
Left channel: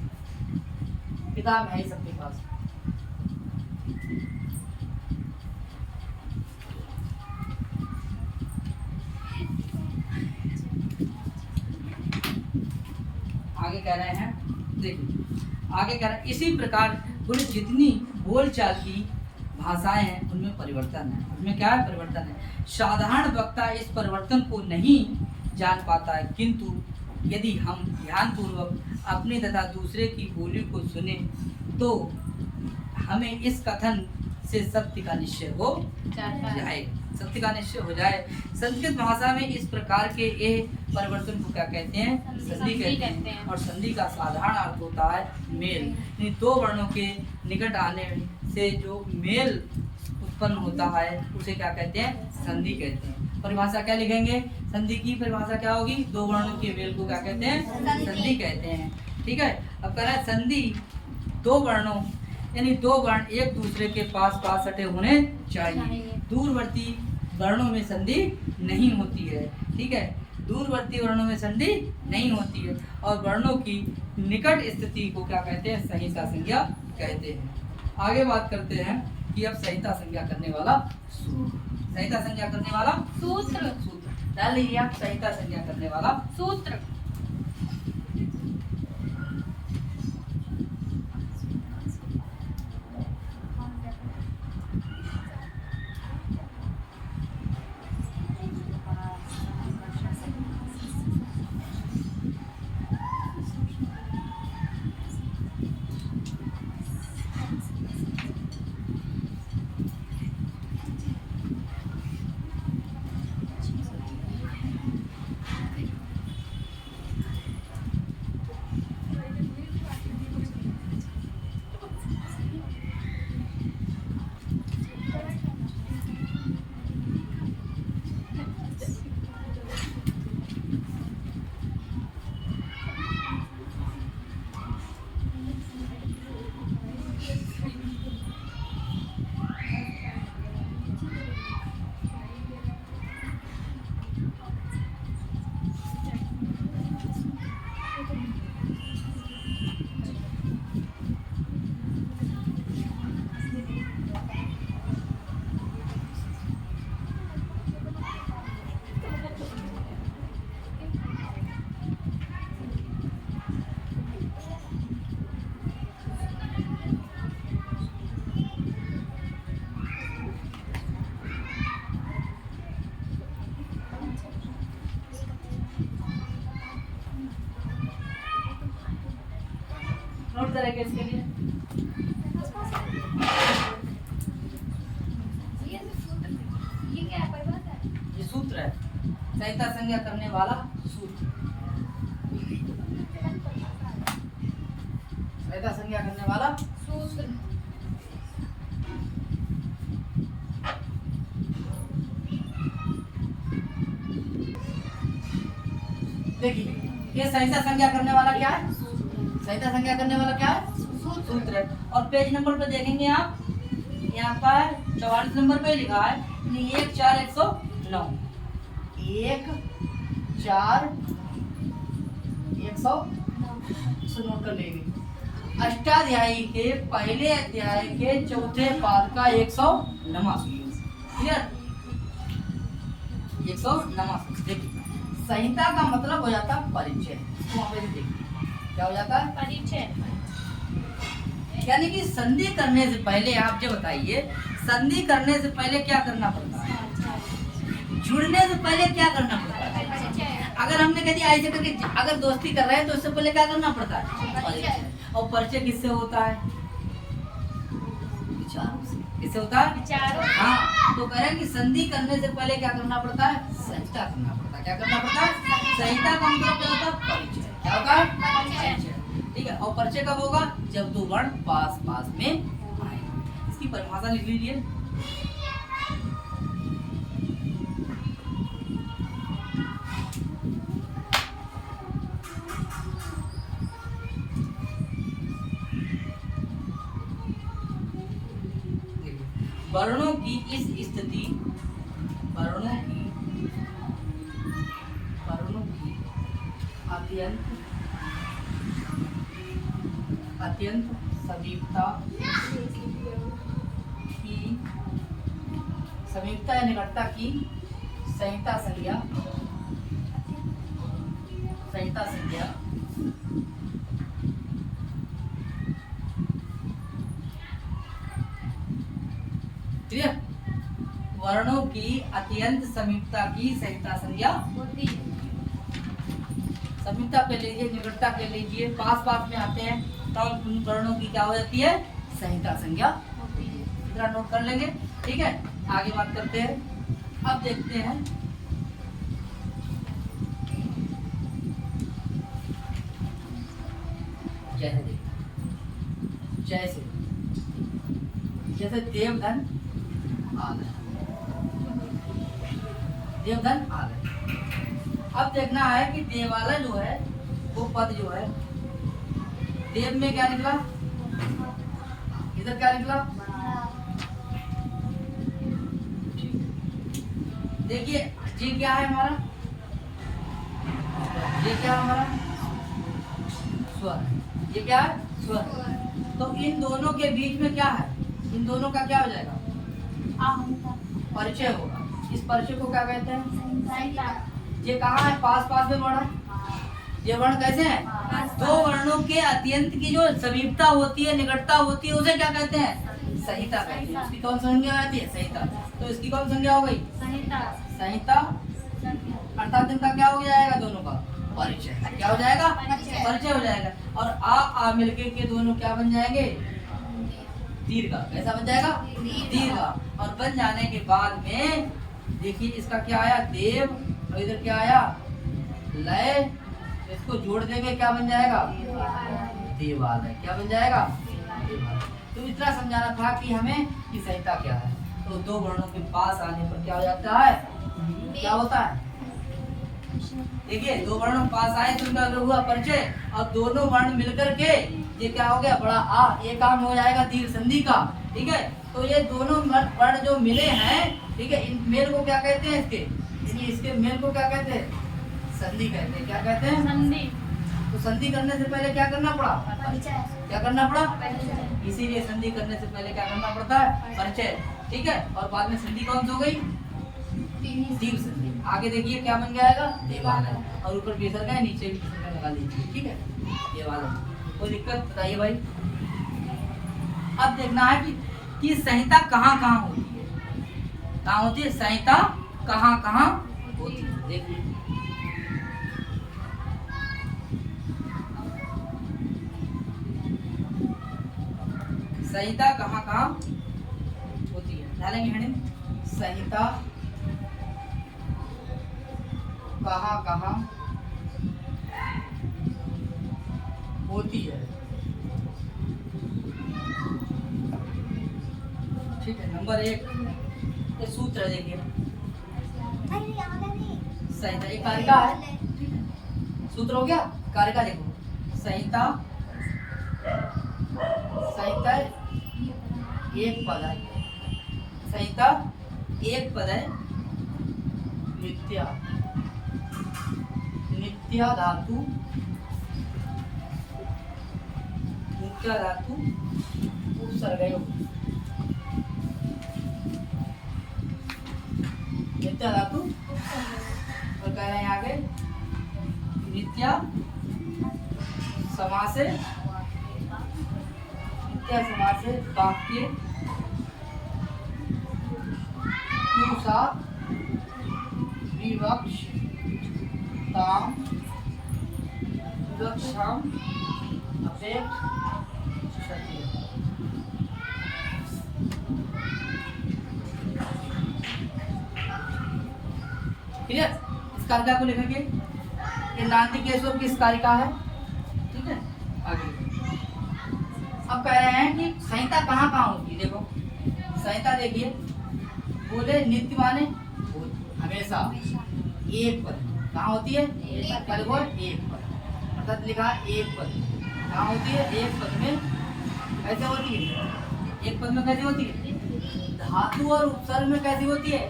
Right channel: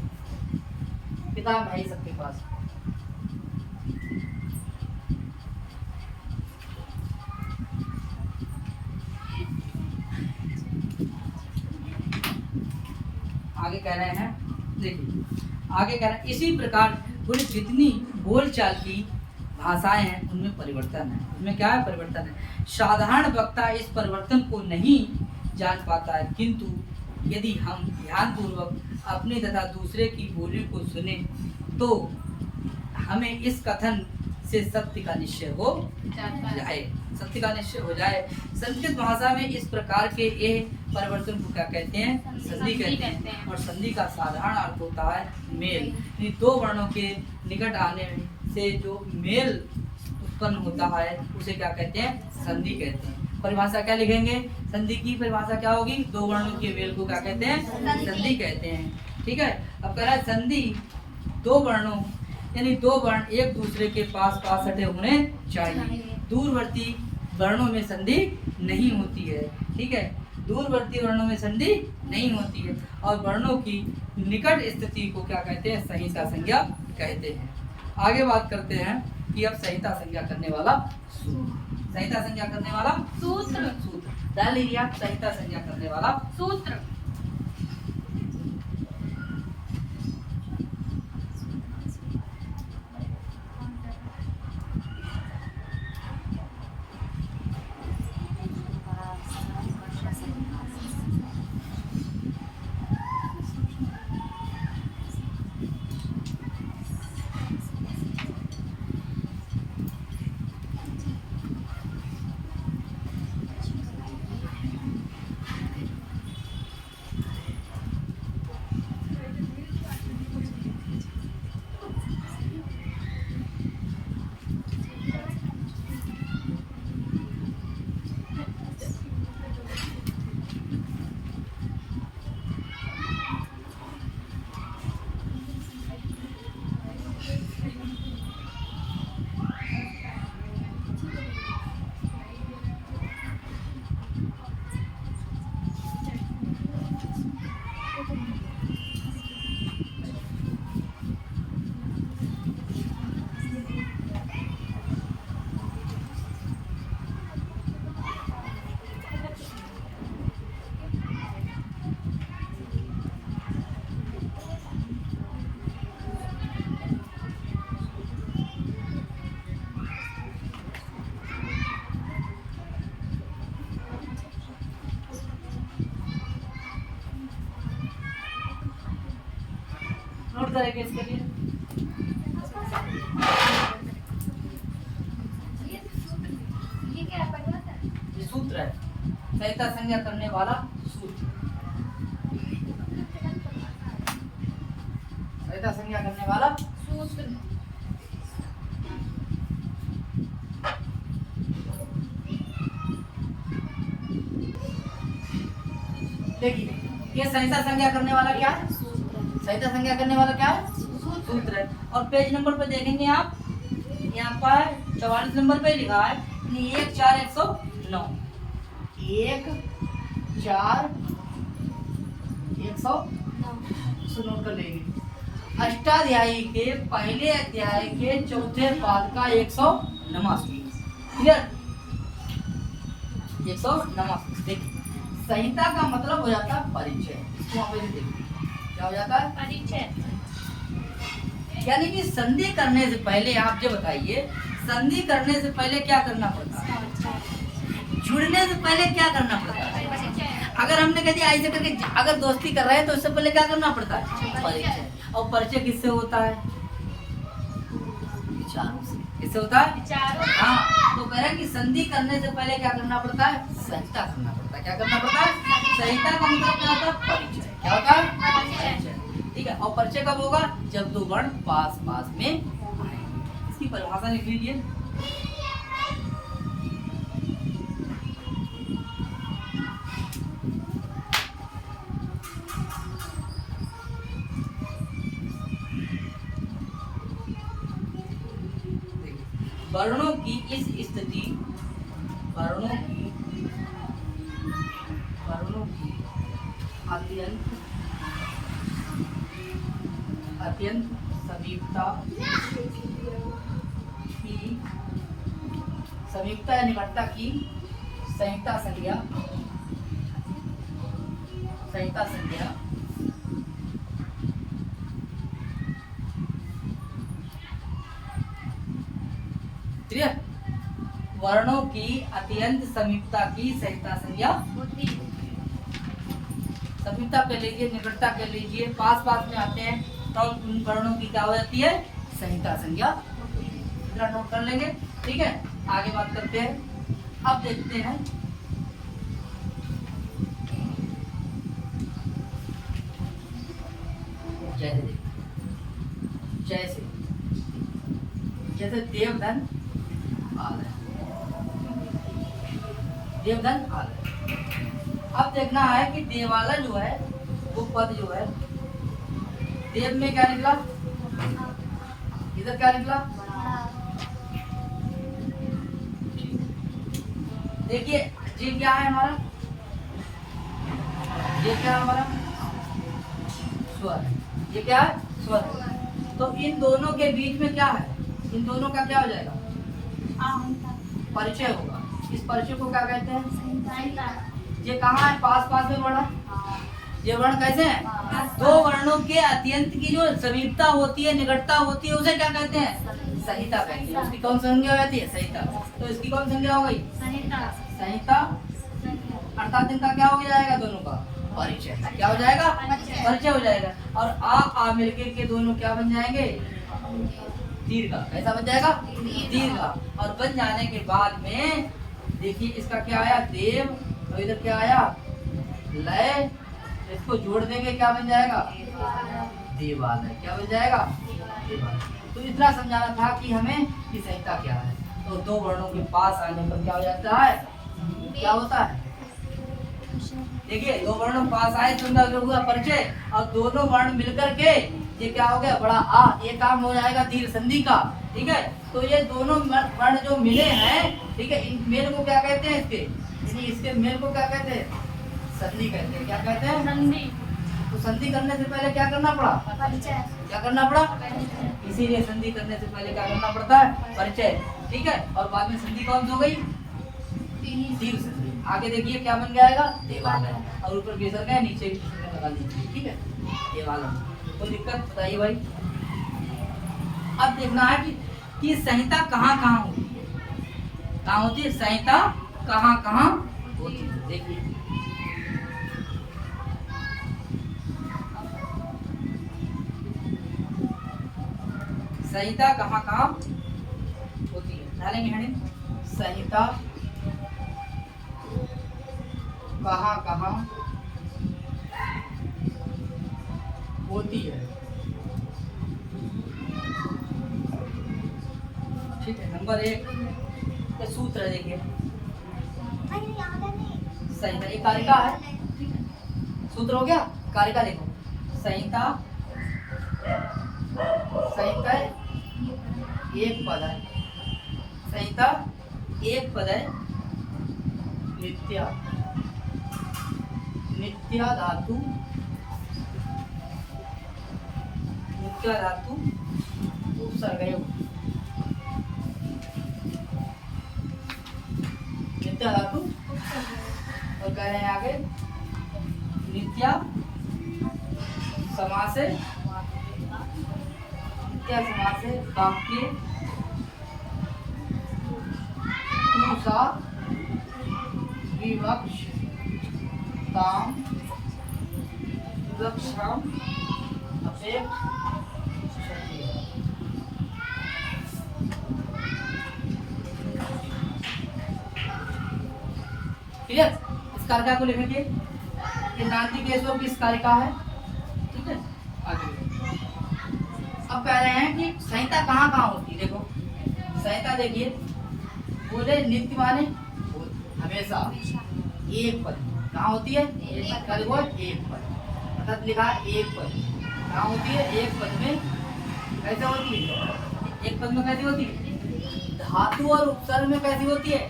किताब है ही सबके पास। आगे कह रहे हैं, देखिए आगे कह रहे हैं, इसी प्रकार बोले जितनी बोलचाल की भाषाएं हैं उनमें परिवर्तन है। उनमें क्या है? परिवर्तन है। साधारण वक्ता इस परिवर्तन को नहीं जान पाता है, किंतु यदि हम ध्यानपूर्वक अपनी तथा दूसरे की बोली को सुने तो हमें इस कथन से सत्य का निश्चय हो जाए। सत्य का निश्चय हो जाए। संस्कृत भाषा में इस प्रकार के ये परिवर्तन को क्या कहते हैं? संधि कहते हैं। और संधि का साधारण अर्थ होता है मेल। इन दो वर्णों के निकट आने से जो मेल उत्पन्न होता है उसे क्या कहते हैं? संधि कहते हैं। परिभाषा क्या लिखेंगे? संधि की परिभाषा क्या होगी? दो वर्णों के मेल को क्या कहते हैं? संधि कहते हैं। ठीक है? अब कह रहा है संधि दो वर्णों, यानी दो वर्ण एक दूसरे के पास पास सटे होने चाहिए। दूरवर्ती वर्णों में संधि नहीं होती है। ठीक है? दूरवर्ती वर्णों में संधि नहीं होती है। और वर्णों की निकट स्थिति को क्या कहते हैं? संहिता संज्ञा कहते हैं। आगे बात करते हैं कि अब संहिता संज्ञा करने वाला सूत्र। संहिता संज्ञा करने वाला सूत्र। सूत्र डाल लीजिए आप। संहिता संज्ञा करने वाला सूत्र। नोट करेंगे इसके लिए? ये सूत्र है, संहिता संज्ञा करने वाला सूत्र। संहिता संज्ञा करने वाला सूत्र। देखिए ये संहिता संज्ञा करने वाला क्या है? संहिता संज्ञा करने वाला क्या है? सूत्र है। और पेज नंबर पे देखेंगे आप, यहाँ पर 44 नंबर पे लिखा है 14109। 14109 नोट कर लेंगे। अष्टाध्यायी के पहले अध्याय के चौथे पाद का 189। क्लियर? 189। देखिए संहिता का मतलब हो जाता है परिचय। इसको वहां पे देखिए क्या हो जाता है? परिचय। यानी कि संधि करने से पहले आप जो बताइए, संधि करने से पहले क्या करना पड़ता है? जुड़ने से पहले क्या करना पड़ता है? अगर हमने कह दिया ऐसे करके अगर दोस्ती कर रहे हैं तो उससे पहले क्या करना पड़ता है? परिचय। और परिचय किससे होता है? विचारों से। किससे होता है? हाँ, तो कह रहे हैं कि संधि करने से पहले क्या करना पड़ता है? संहिता करना पड़ता है। क्या करना पड़ता है? संहिता का मतलब क्या होता है? परिचय। क्या होता है? परिचय। ठीक है। और परिचय कब होगा? जब दो वर्ण पास पास में आएंगे। इसकी परिभाषा लिख लीजिए। वर्णों की इस स्थिति, वर्णों की अत्यंत समीपता या निकटता की संहिता संज्ञा क्लियर? वर्णों की अत्यंत समीपता की संहिता संज्ञा होती है। समीपता कर लीजिए, निकटता कर लीजिए, पास पास में आते हैं तो उन वर्णों की क्या हो जाती है? संहिता संज्ञा। इतना नोट कर लेंगे। ठीक है, आगे बात करते हैं। अब देखते हैं जैसे देवधन आलय। देवधन आलय। अब देखना है कि देवालय जो है वो पद जो है देव में क्या निकला? इधर क्या निकला? देखिए ये क्या है हमारा? ये क्या है हमारा? स्वर। ये क्या है? स्वर। तो इन दोनों के बीच में क्या है? इन दोनों का क्या हो जाएगा? परिचय होगा। इस परिचय को क्या कहते हैं? ये कहाँ है? पास पास में वर्ण। ये वर्ण कैसे हैं? दो वर्णों के अत्यंत की जो समीपता होती है, निकटता होती है, उसे क्या कहते हैं? संहिता कहते हैं। उसकी कौन संज्ञा हो जाती है? संहिता। तो इसकी कौन संज्ञा हो गई? संहिता। अर्थात इनका क्या हो जाएगा? दोनों का परिचय। क्या हो जाएगा? परिचय हो जाएगा। और आ मिलके के दोनों क्या बन जाएंगे? दीर्घ। कैसा बन जाएगा? दीर्घ। और बन जाने के बाद में देखिए इसका क्या आया? देव। और इधर क्या आया? लय। इसको जोड़ देंगे, क्या बन जाएगा? देवालय। क्या बन जाएगा? देवालय। तो इतना समझाना था कि हमें कि संहिता क्या है। तो दो वर्णों के पास आने पर क्या हो जाता है? क्या होता है? देखिए दो वर्ण पास आए तो उनका हुआ परिचय। और दोनों वर्ण मिलकर के ये क्या हो गया? बड़ा आ। ये काम हो जाएगा दीर्घ संधि का। ठीक है, तो ये दोनों वर्ण जो मिले हैं, ठीक है, इन मेल को क्या कहते हैं? इसके मेल को क्या कहते हैं? संधि कहते हैं। क्या कहते हैं? संधि। तो संधि करने से पहले क्या करना पड़ा? परिचय। क्या करना पड़ा? इसीलिए संधि करने से पहले क्या करना पड़ता है? परिचय। ठीक है, और बाद में संधि कौन सी हो गई? दीर्घ संधि। आगे देखिए क्या बन जाएगा? देवालय। और ऊपर विसर्ग है, नीचे भी विसर्ग लगा लीजिए। ठीक है, देवालय। कोई दिक्कत बताइए भाई। अब देखना है कि संहिता कहाँ कहाँ होती है। कहाँ होती है संहिता? कहाँ कहाँ होती है? देखिए संहिता कहाँ कहाँ होती है, डालेंगे हेडिंग, संहिता कहाँ कहाँ होती है। ठीक है, नंबर 1 ये सूत्र देखिए, संहिता एक कारिका है, ठीक है, सूत्र हो गया, कारिका देखो, संहिता, संहिता एक पद है, संहिता एक पद है, नित्या, नित्या धातु, नित्या धातु उपसर्ग, नित्या धातु, और कह रहे हैं आगे नित्या समास है, नित्या समास है वाक्य सा विवक्षताम, विवक्षाम अपेक्षते। क्लियर, इस कारिका को लिखेंगे, ये नांदी केशव की इस कारिका है, ठीक है। आगे अब कह रहे हैं कि संहिता कहाँ कहाँ होती है, देखो संहिता देखिए, बोले नित्य माने हमेशा, एक पद कहाँ होती है, एक पद, अर्थात लिखा एक पद कहाँ होती है, एक पद में कैसे होती है, एक पद में कैसी होती है, धातु और उपसर्ग में कैसी होती है,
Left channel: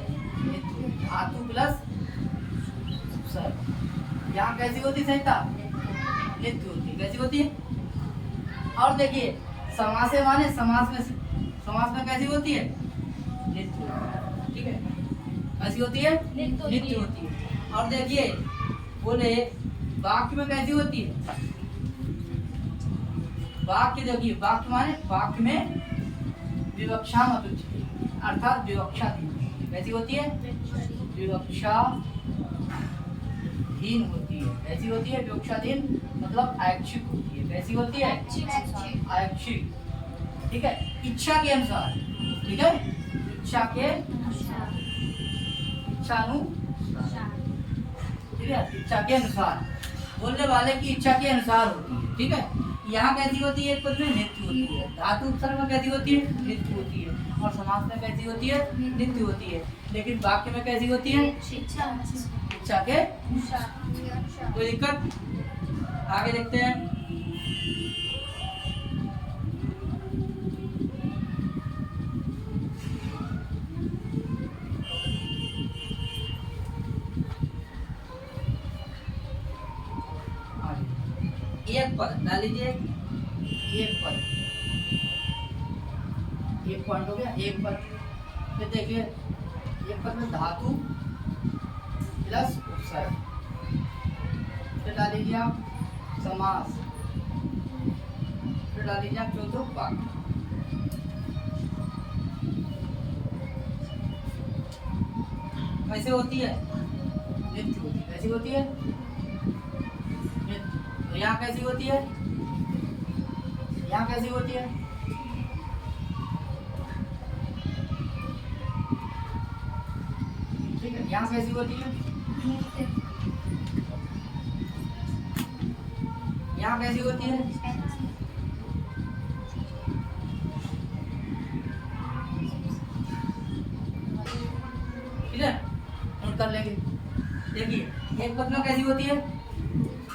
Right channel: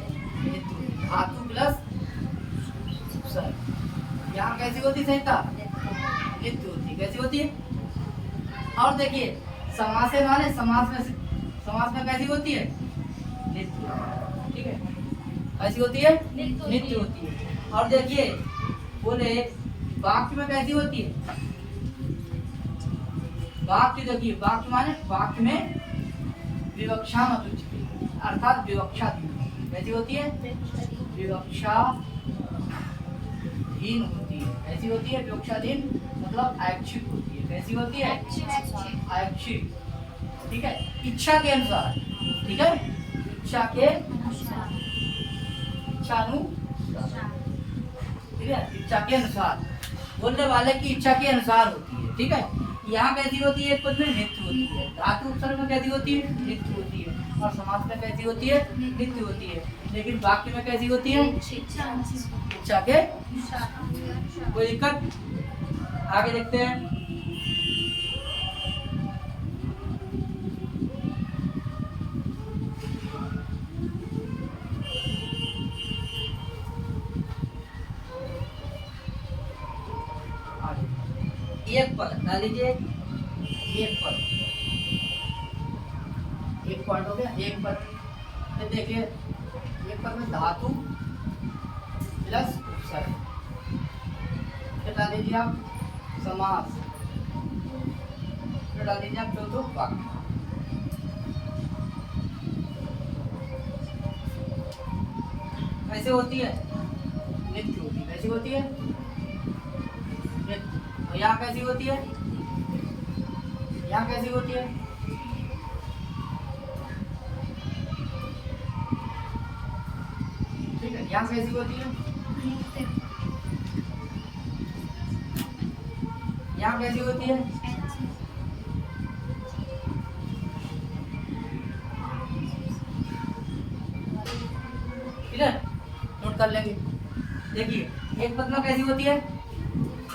धातु प्लस उपसर्ग, यहाँ कैसी होती है संहिता, नित्य होती है, कैसी होती है। और देखिए समास माने समास में कैसी होती है, नित्य होती है, ठीक है, कैसी होती है, नित्य होती है। और देखिए बोले वाक्य में कैसी होती है, वाक्य देखिए, वाक्य माने वाक्य में विवक्षा मत उच्चते, अर्थात विवक्षा कैसी होती है, विवक्षाधीन होती है, कैसी होती है, विवक्षाधीन मतलब ऐच्छिक होती है, कैसी होती है, ऐच्छिक, ठीक है, इच्छा के अनुसार, ठीक है, इच्छा के इच्छा के अनुसार, बोलने वाले की इच्छा के अनुसार होती है, ठीक है। यहाँ कैसी होती है, एक पद में नित्य होती है, धातु उपसर्ग में कैसी होती है, नित्य होती है, और समास में कैसी होती है, नित्य होती है, लेकिन वाक्य में कैसी होती है, इच्छा के। कोई दिक्कत, आगे देखते हैं। एक पद डाल लीजिए, एक पद, एक पॉइंट हो गया, एक पद, फिर देखिए एक पद में धातु प्लस उपसर्ग, फिर डाल लीजिए आप समास, फिर डाल लीजिए आप चौथो वाक्य। कैसे होती है, नित्य होती है, कैसी होती है, नित्य। और यहाँ कैसी होती है, यहाँ कैसी होती है, ठीक है, यहाँ कैसी होती है, यहाँ कैसी होती है, ठीक है, नोट कर लेंगे। देखिए एक पद में कैसी होती है,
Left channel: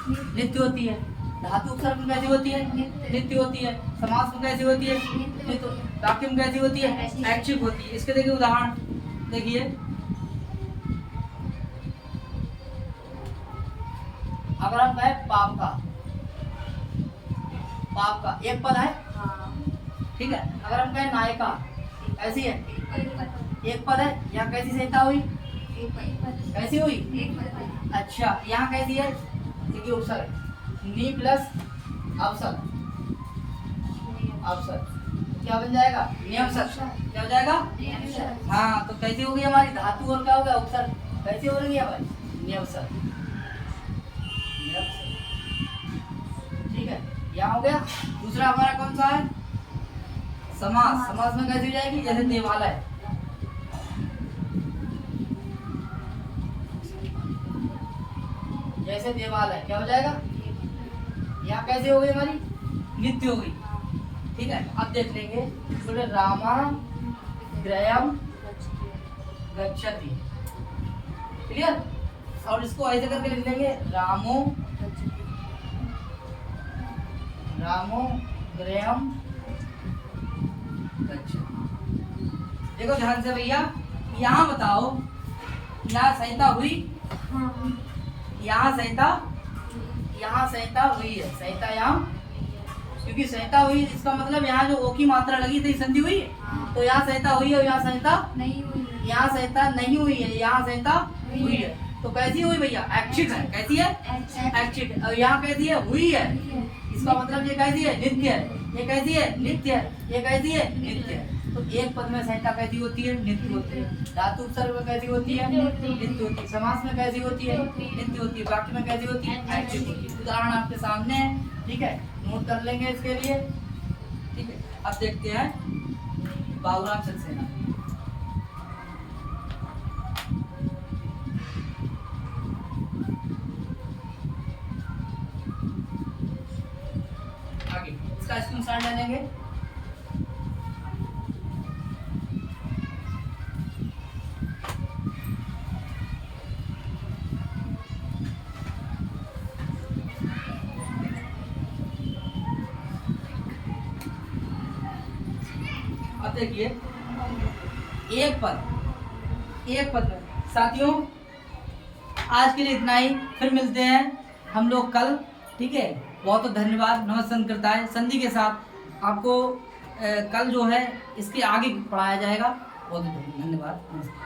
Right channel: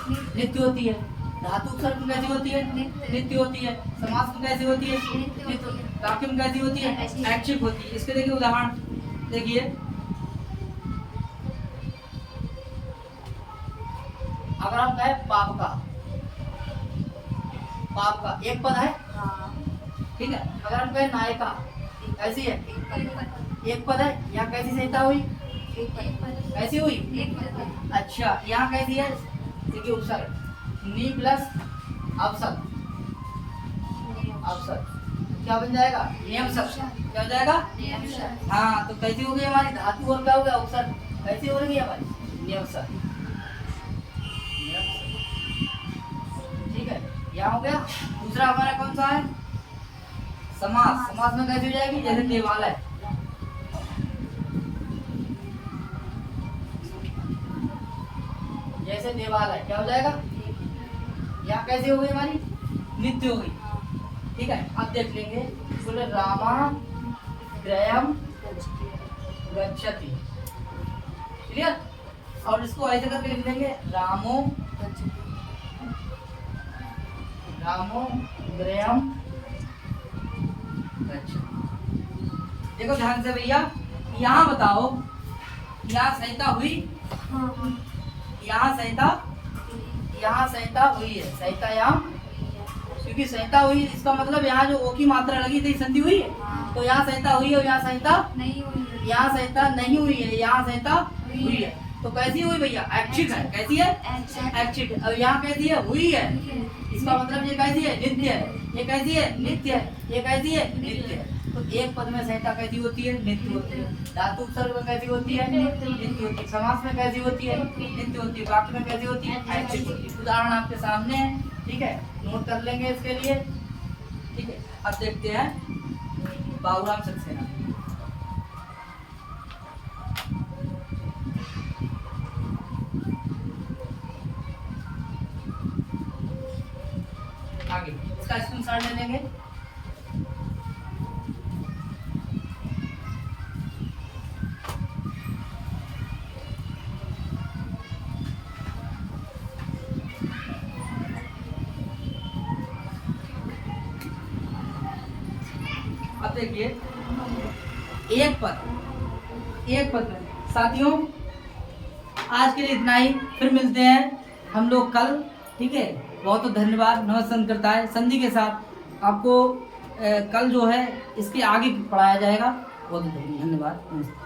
नित्य होती है, धातु उपसर्ग में कैसी होती है, नित्य होती है, समास में कैसी होती है, नित्य, वाक्य में कैसी होती है, ऐच्छिक होती है। इसके देखिए उदाहरण, देखिए अगर हम कहें पाप का, पाप का एक पद है, ठीक है। अगर हम कहें नायिका, ऐसी है, एक पद है, यहाँ कैसी संहिता हुई, कैसी हुई, अच्छा यहाँ कैसी है, देखिए उपसर्ग, नी प्लस अपसर्ग, अपसर्ग क्या बन जाएगा, नियम शब्द, क्या हो जाएगा, हाँ, तो कैसी हो गई हमारी धातु और क्या हो गया उपसर्ग, कैसी हो रही है हमारी, नियम शब्द, ठीक है। यहाँ हो गया। दूसरा हमारा कौन सा है, समास, समास में कैसे हो जाएगी? जैसे देवालय, जैसे देवालय क्या हो जाएगा? यहाँ कैसे हो गई हमारी? नित्य हो गई। ठीक है, अब देख लेंगे। बोले रामा ग्रहम गच्छति, क्लियर? और इसको ऐसे करके लिख लेंगे, रामो ग्रहम गच्छति। देखो ध्यान से भैया, यहाँ बताओ, यहाँ संहिता हुई, यहाँ संहिता हुई है, संहिता यहाँ, क्योंकि संहिता हुई है इसका मतलब यहाँ जो ओ की मात्रा लगी थी संधि हुई है, तो यहाँ संहिता हुई है और यहाँ संहिता नहीं हुई है। यहाँ संहिता नहीं हुई है, यहाँ संहिता हुई है। तो कैसी हुई भैया? ऐच्छिक है। कैसी है? ऐच्छिक। और यहाँ कैसी है? हुई है। इसका मतलब ये कैसी है? नित्य है। ये कैसी है? नित्य है। ये कैसी है? नित्य है। तो एक पद में संहिता कैसी होती है? नित्य होती है। धातु उपसर्ग में कैसी होती है? नित्य होती है। समास में कैसी होती है? नित्य होती है। वाक्य में कैसी होती है? ऐच्छिक होती है। उदाहरण आपके सामने है, ठीक है, नोट कर लेंगे इसके लिए। ठीक है, अब देखते हैं बाबूराम सक्सेना। आगे इसका स्क्रीनशॉट ले लेंगे। अब देखिए, एक पद में साथियों, आज के लिए इतना ही। फिर मिलते हैं हम लोग कल। ठीक है, बहुत बहुत धन्यवाद। नमस्कार करता है संधि के साथ आपको कल जो है इसके आगे पढ़ाया जाएगा। बहुत बहुत धन्यवाद। नमस्कार।